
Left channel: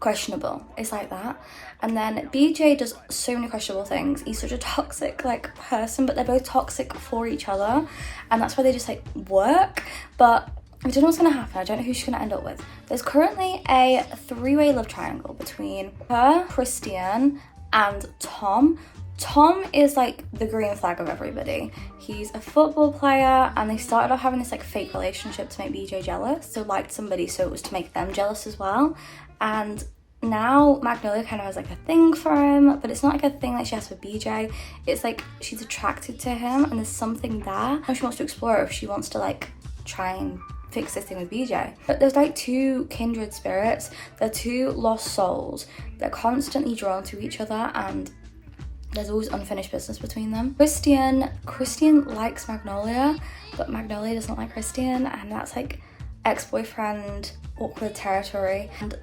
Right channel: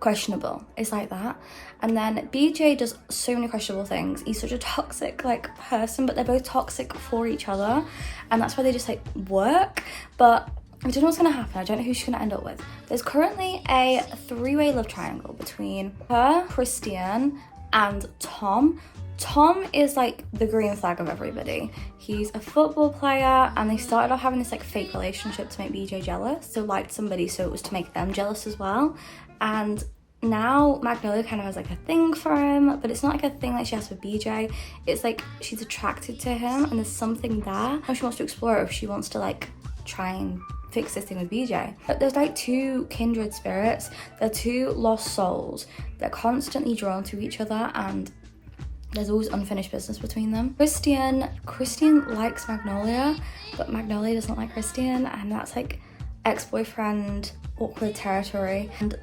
questionable, it's like that. And then BJ does so many questionable things. He's such a toxic like person, but they're both toxic for each other. And that's why they just like work. But I don't know what's gonna happen. I don't know who she's gonna end up with. There's currently a 3-way love triangle between her, Christian, and Tom. Tom is like the green flag of everybody. He's a football player, and they started off having this like fake relationship to make BJ jealous. So liked somebody, so it was to make them jealous as well. And now Magnolia kind of has like a thing for him, but it's not like a thing like she has for BJ. It's like she's attracted to him and there's something there, and she wants to explore if she wants to like try and fix this thing with BJ. But there's like two kindred spirits, they're two lost souls. They're constantly drawn to each other and there's always unfinished business between them. Christian likes Magnolia, but Magnolia doesn't like Christian, and that's like ex-boyfriend awkward territory. And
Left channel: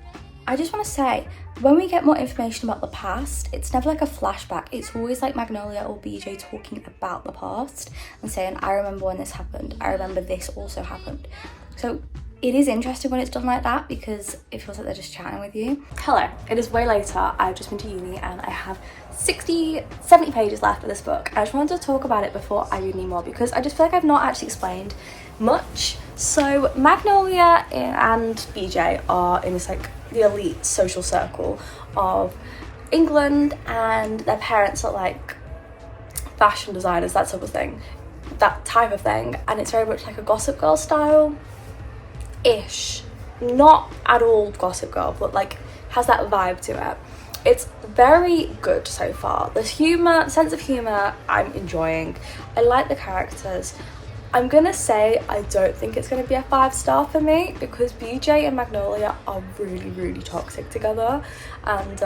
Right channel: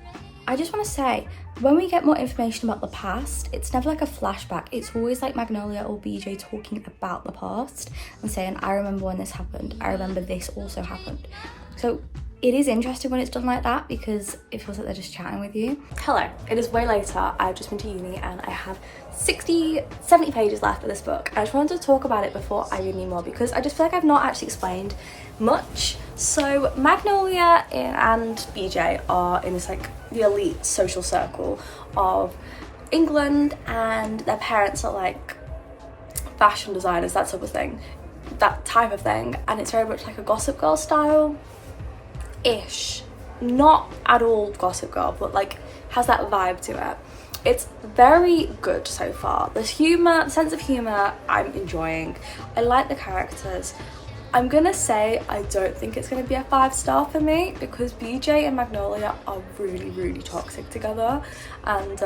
I just want to say, when we get more information about the past, it's never like a flashback. It's always like Magnolia or BJ talking about the past and saying, I remember when this happened. I remember this also happened. So it is interesting when it's done like that because it feels like they're just chatting with you. Hello, it is way later. I've just been to uni and I have 70 pages left of this book. I just wanted to talk about it before I read any more because I just feel like I've not actually explained much. So Magnolia and BJ are in this like the elite social circle of England, and their parents are like fashion designers, that sort of thing, that type of thing, and it's very much like a Gossip Girl style ish, not at all Gossip Girl, but like has that vibe to it. It's very good so far. The humour, the sense of humour, I'm enjoying. I like the characters. I'm gonna say I don't think it's gonna be a 5-star for me because BJ and Magnolia are really, really toxic together, and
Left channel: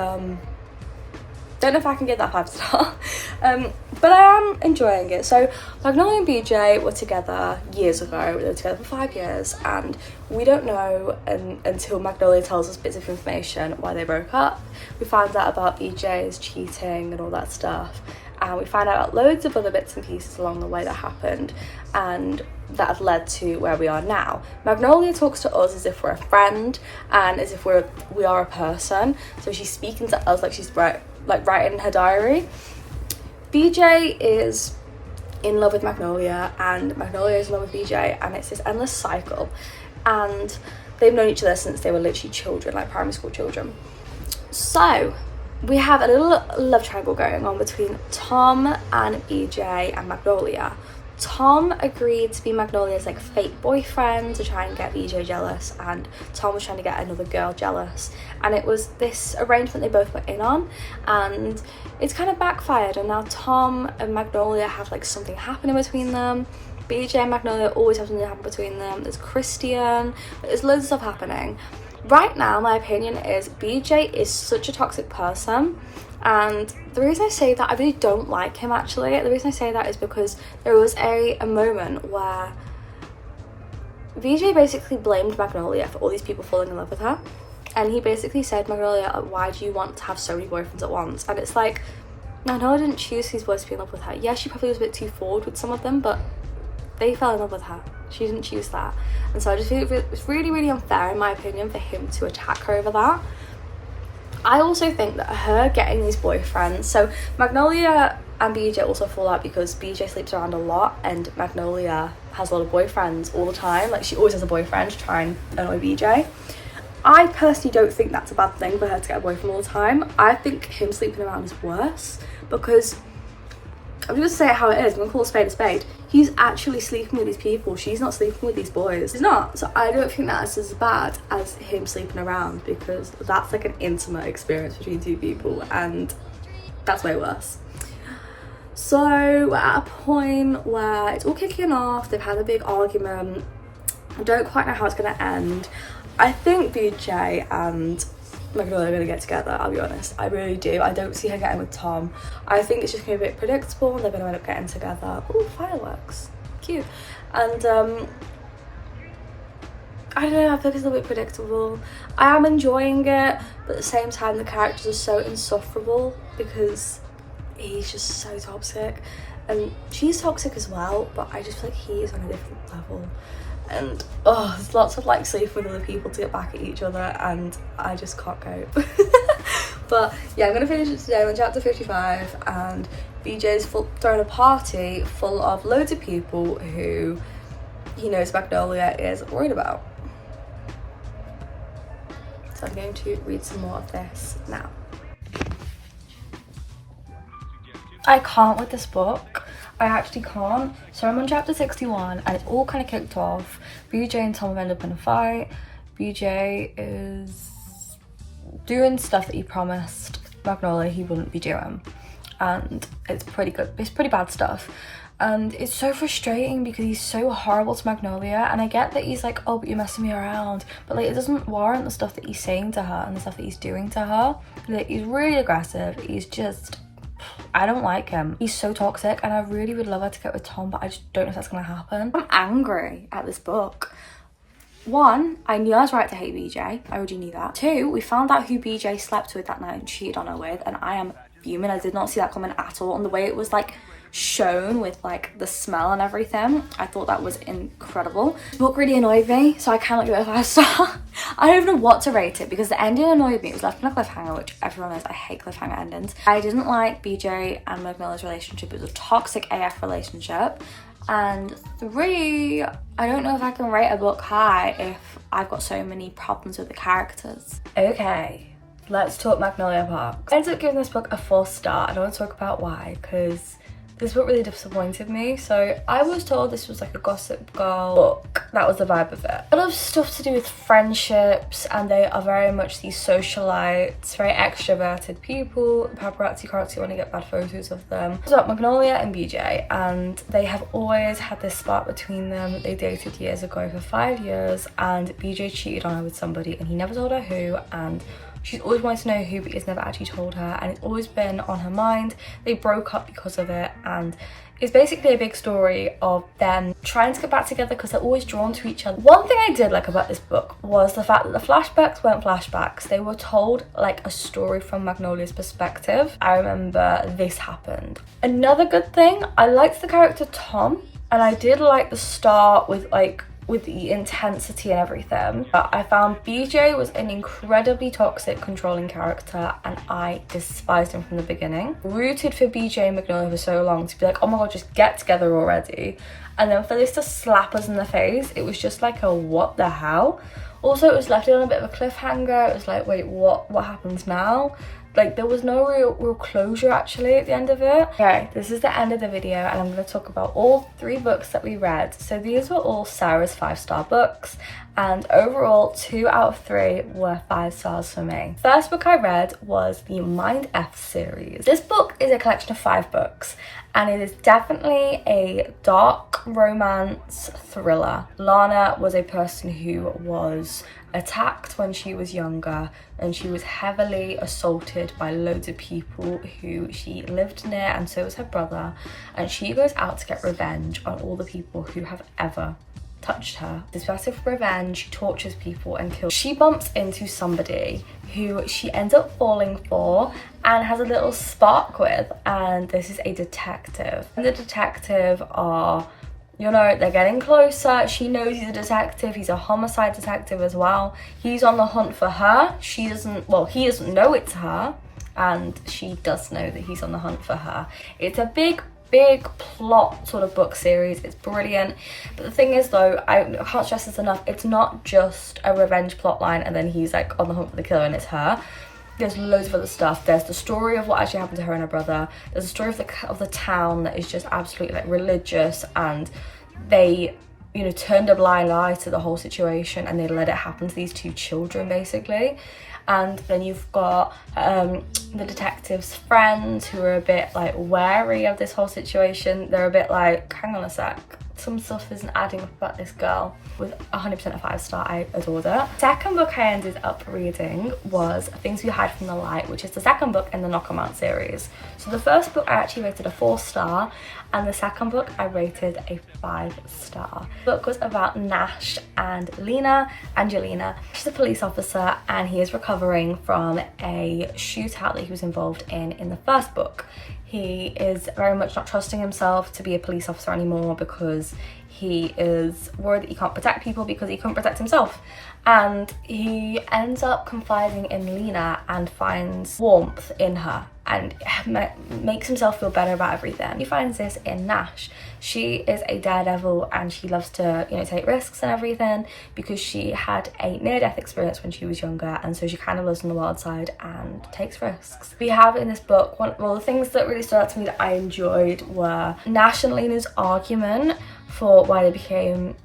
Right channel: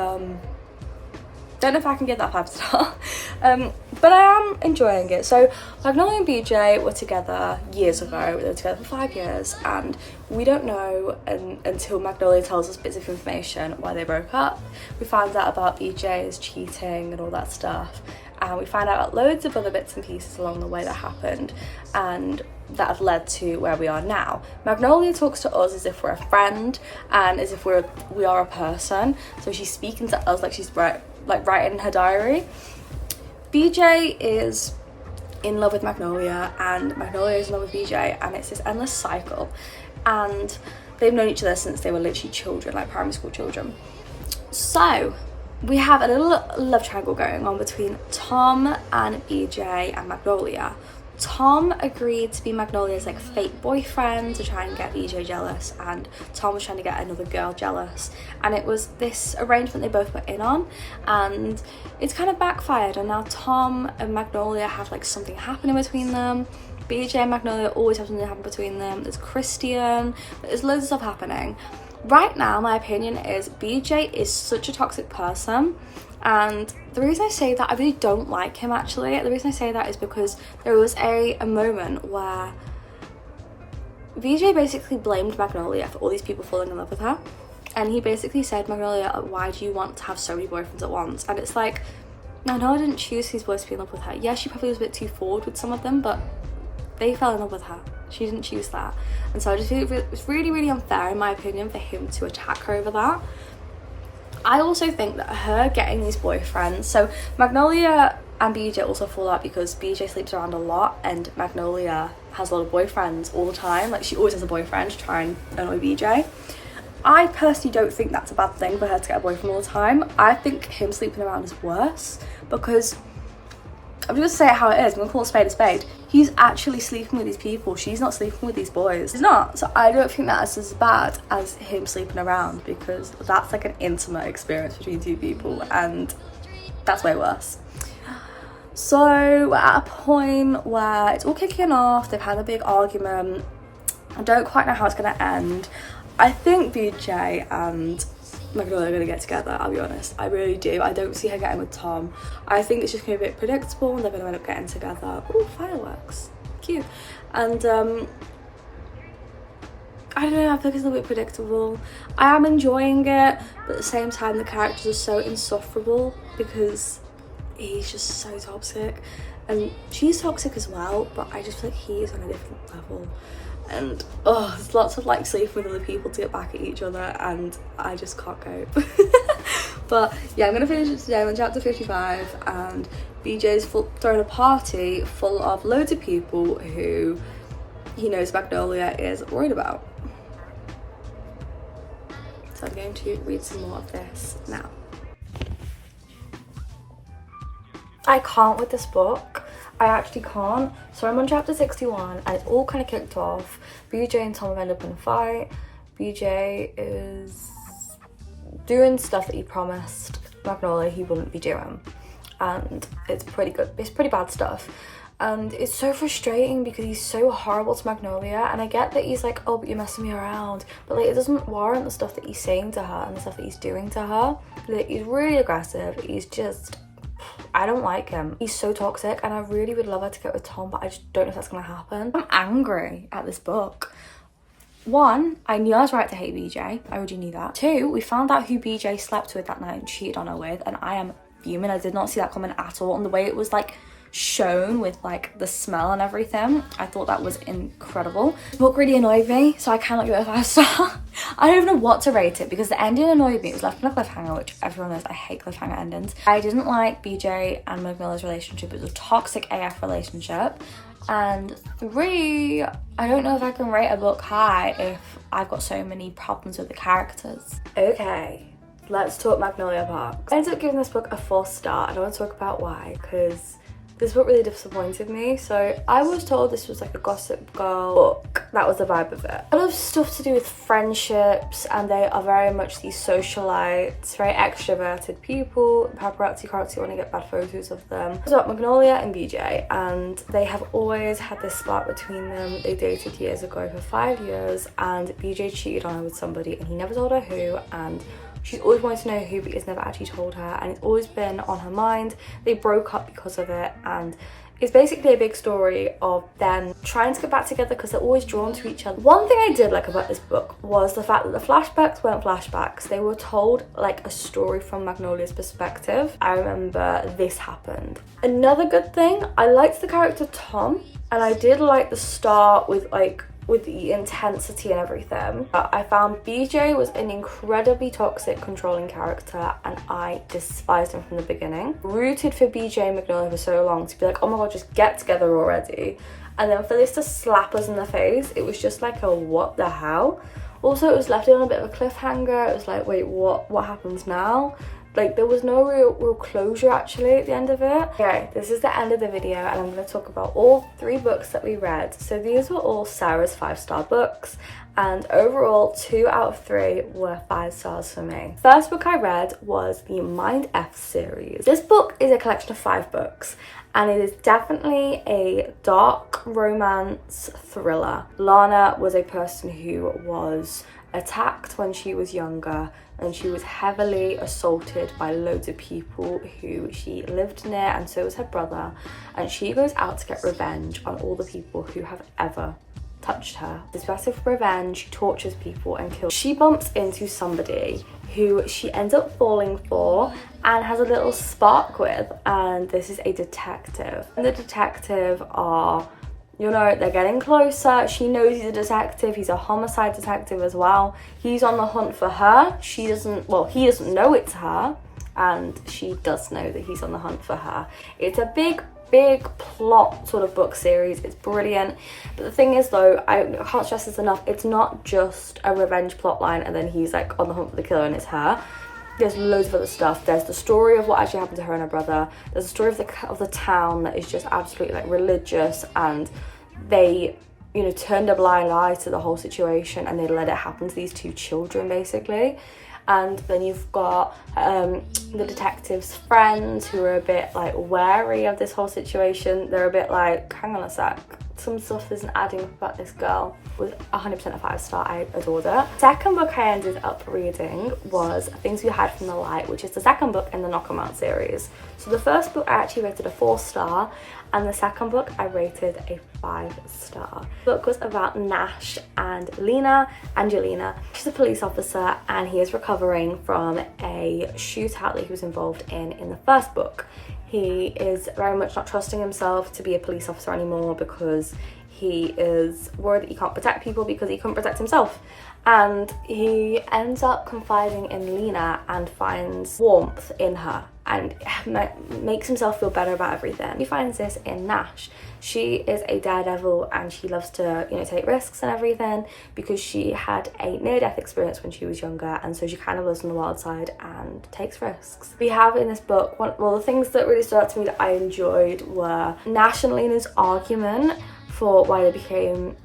don't know if I can give that 5-star. But I am enjoying it. So Magnolia and BJ were together years ago. They were together for 5 years, and we don't know until Magnolia tells us bits of information why they broke up. We found out about BJ's cheating and all that stuff, and we found out loads of other bits and pieces along the way that happened and that have led to where we are now. Magnolia talks to us as if we're a friend and as if we are a person, so she's speaking to us like she's like writing in her diary. BJ is in love with Magnolia and Magnolia is in love with BJ, and it's this endless cycle, and they've known each other since they were literally children, like primary school children. So we have a little love triangle going on between Tom and BJ and Magnolia. Tom agreed to be Magnolia's like fake boyfriend to try and get BJ jealous, and Tom was trying to get another girl jealous, and it was this arrangement they both were in on, and it's kind of backfired, and now Tom and Magnolia have like something happening between them. BJ and Magnolia always have something happen between them. There's Christian, there's loads of stuff happening. Right now, my opinion is BJ is such a toxic person, and the reason I say that, I really don't like him actually. The reason I say that is because there was a moment where BJ basically blamed Magnolia for all these people falling in love with her, and he basically said, Magnolia, why do you want to have so many boyfriends at once? And it's like, Magnolia didn't choose these boys to be in love with her. Yes, she probably was a bit too forward with some of them, but they fell in love with her. She didn't choose that. And so I just feel it's really, really unfair in my opinion for him to attack her over that. I also think that her getting these boyfriends, so Magnolia and BJ also fall out because BJ sleeps around a lot and Magnolia has a lot of boyfriends all the time. Like, she always has a boyfriend to try and annoy BJ. I personally don't think that's a bad thing for her to get a boyfriend all the time. I think him sleeping around is worse, because I'm just gonna say it how it is. I'm gonna call a spade a spade. He's actually sleeping with these people. She's not sleeping with these boys. She's not. So I don't think that's as bad as him sleeping around, because that's like an intimate experience between two people, and that's way worse. So we're at a point where it's all kicking off. They've had a big argument. I don't quite know how it's gonna end. I think BJ and Magnolia are going to get together, I'll be honest. I really do. I don't see her getting with Tom. I think it's just going to be a bit predictable and they're going to end up getting together. Oh, fireworks. Cute. And I don't know, I think it's a little bit predictable. I am enjoying it, but at the same time the characters are so insufferable because he's just so toxic. And she's toxic as well, but I just feel like he is on a different level. And there's lots of like sleeping with other people to get back at each other, and I just can't cope. But yeah, I'm gonna finish it today. I'm on chapter 55, and BJ's throwing a party full of loads of people who he knows Magnolia is worried about. So I'm going to read some more of this now. I can't with this book. I actually can't. So I'm on chapter 61 and it all kind of kicked off. BJ and Tom have ended up in a fight. BJ is doing stuff that he promised Magnolia he wouldn't be doing. And it's pretty good. It's pretty bad stuff. And it's so frustrating because he's so horrible to Magnolia. And I get that he's like, oh, but you're messing me around. But like, it doesn't warrant the stuff that he's saying to her and the stuff that he's doing to her. Like, he's really aggressive. He's just... I don't like him. He's so toxic, and I really would love her to get with Tom, but I just don't know if that's gonna happen. I'm angry at this book. One, I knew I was right to hate BJ. I already knew that. Two, we found out who BJ slept with that night and cheated on her with, and I am fuming. I did not see that coming at all. And the way it was like shown with like the smell and everything, I thought that was incredible. This book really annoyed me, so I cannot give it a 5-star. I don't even know what to rate it because the ending annoyed me. It was left on a cliffhanger, which everyone knows I hate cliffhanger endings. I didn't like BJ and Magnolia's relationship. It was a toxic AF relationship. And 3, I don't know if I can rate a book high if I've got so many problems with the characters. Okay, let's talk Magnolia Park. I ended up giving this book a 4-star. I don't want to talk about why, because this book really disappointed me. So I was told this was like a Gossip Girl book. That was the vibe of it. A lot of stuff to do with friendships, and they are very much these socialites, very extroverted people. Paparazzi want to get bad photos of them. It's about Magnolia and BJ, and they have always had this spark between them. They dated years ago for 5 years, and BJ cheated on her with somebody, and he never told her who, and she's always wanted to know who, but he's never actually told her, and it's always been on her mind. They broke up because of it, and it's basically a big story of them trying to get back together because they're always drawn to each other. One thing I did like about this book was the fact that the flashbacks weren't flashbacks. They were told like a story from Magnolia's perspective. I remember this happened. Another good thing, I liked the character Tom, and I did like the start with like with the intensity and everything. But I found BJ was an incredibly toxic, controlling character, and I despised him from the beginning. Rooted for BJ and Magnolia for so long to be like, oh my god, just get together already. And then for this to slap us in the face, it was just like a what the hell. Also, it was left on a bit of a cliffhanger. It was like, wait, what happens now? Like, there was no real closure actually at the end of it. Okay, this is the end of the video, and I'm going to talk about all 3 books that we read. So these were all Sarah's 5-star books, and overall 2 out of 3 were 5 stars for me. First book I read was the Mind F series. This book is a collection of 5 books, and it is definitely a dark romance thriller. Lana was a person who was attacked when she was younger, and she was heavily assaulted by loads of people who she lived near, and so was her brother, and she goes out to get revenge on all the people who have ever touched her. This massive revenge, she tortures people and kills. She bumps into somebody who she ends up falling for and has a little spark with, and this is a detective. And the detective are, you know, they're getting closer. She knows he's a detective. He's a homicide detective as well. He's on the hunt for her. He doesn't know it's her, and she does know that he's on the hunt for her. It's a big plot sort of book series. It's brilliant. But the thing is though, I can't stress this enough, it's not just a revenge plot line and then he's like on the hunt for the killer and it's her. There's loads of other stuff. There's the story of what actually happened to her and her brother. There's the story of the town that is just absolutely like religious, and they, you know, turned a blind eye to the whole situation and they let it happen to these 2 children basically. And then you've got the detective's friends who are a bit like wary of this whole situation. They're a bit like, hang on a sec, some stuff isn't adding up about this girl. Was 100% a 5-star. I adored it. Second book I ended up reading was Things We Hide from the Light, which is the second book in the Knock 'Em Out series. So the first book I actually rated a 4-star, and the second book I rated a 5-star. The book was about Nash and Angelina. She's a police officer, and he is recovering from a shootout that he was involved in the first book. He is very much not trusting himself to be a police officer anymore because he is worried that he can't protect people because he couldn't protect himself. And he ends up confiding in Lena and finds warmth in her and makes himself feel better about everything. He finds this in Nash. She is a daredevil and she loves to, you know, take risks and everything because she had a near-death experience when she was younger, and so she kind of lives on the wild side and takes risks. We have in this book, the things that really stood out to me that I enjoyed were Nash and Lena's argument for why they became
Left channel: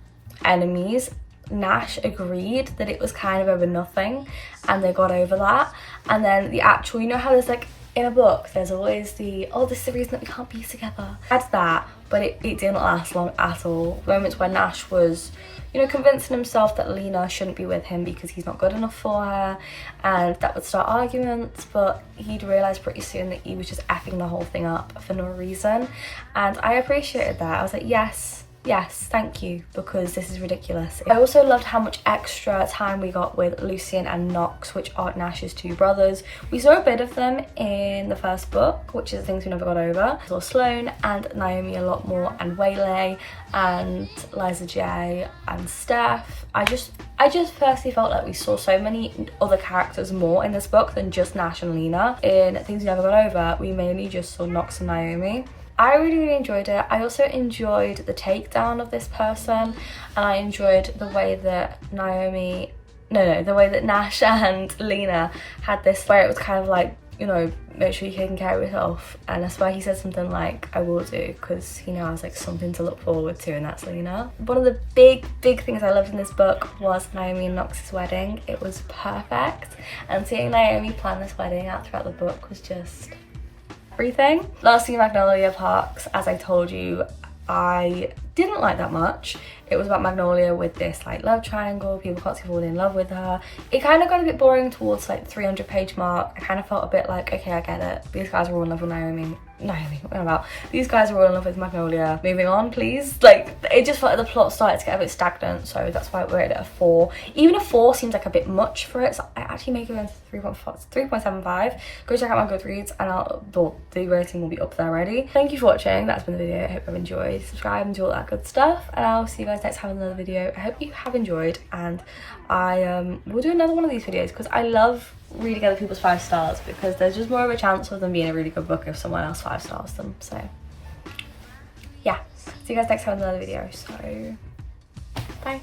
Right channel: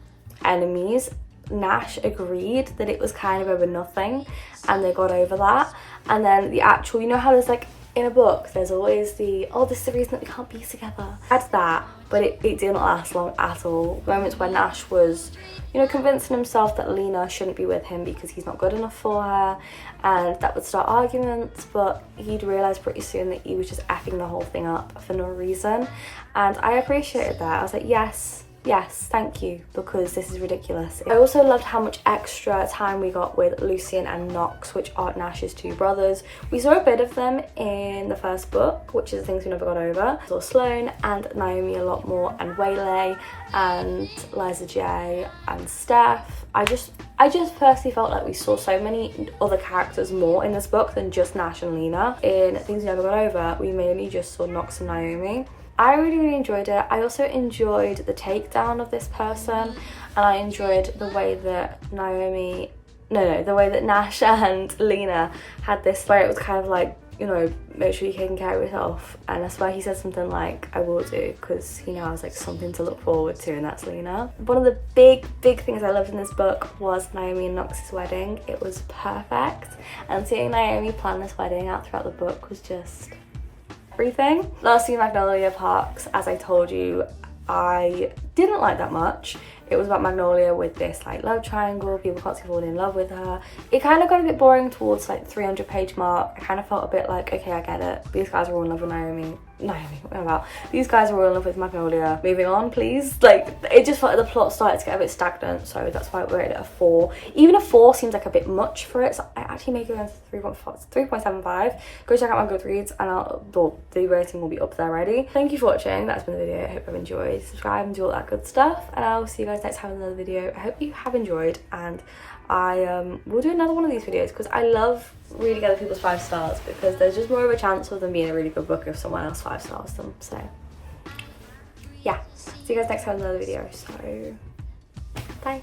enemies. Nash agreed that it was kind of over nothing and they got over that. And then the actual, you know how there's like in a book there's always the, oh, this is the reason that we can't be together. That's that, but it didn't last long at all. Moments where Nash was, you know, convincing himself that Lena shouldn't be with him because he's not good enough for her, and that would start arguments, but he'd realise pretty soon that he was just effing the whole thing up for no reason. And I appreciated that. I was like, yes, thank you, because this is ridiculous. I also loved how much extra time we got with Lucien and Knox, which are Nash's 2 brothers. We saw a bit of them in the first book, which is the Things We Never Got Over. We saw Sloane and Naomi a lot more, and Waylay and Liza J and Steph. I just personally felt like we saw so many other characters more in this book than just Nash and Lena. In Things We Never Got Over, we mainly just saw Knox and Naomi. I really enjoyed it. I also enjoyed the takedown of this person, and I enjoyed the way that the way that Nash and Lena had this, where it was kind of like, you know, make sure you're taking care of yourself, and that's why he said something like, I will do, because he knows like something to look forward to, and that's Lena. One of the big things I loved in this book was Naomi and Knox's wedding. It was perfect, and seeing Naomi plan this wedding out throughout the book was just everything. Lastly, Magnolia Parks, as I told you, I didn't like that much. It was about Magnolia with this like love triangle, people constantly falling in love with her. It kind of got a bit boring towards like the 300-page mark. I kind of felt a bit like, okay, I get it, these guys are all in love with Naomi, no, about. These guys are all in love with Magnolia. Moving on, please. Like, it just felt like the plot started to get a bit stagnant, so that's why we're at a 4. Even a 4 seems like a bit much for it, so I actually make it around 3.75. Go check out my Goodreads, and the rating will be up there already. Thank you for watching. That's been the video. I hope you've enjoyed. Subscribe and do all that good stuff, and I'll see you guys next time in another video. I hope you have enjoyed, and I will do another one of these videos because I love reading other people's 5 stars, because there's just more of a chance of them being a really good book if someone else 5 stars them. So yeah, see you guys next time in another video. So bye.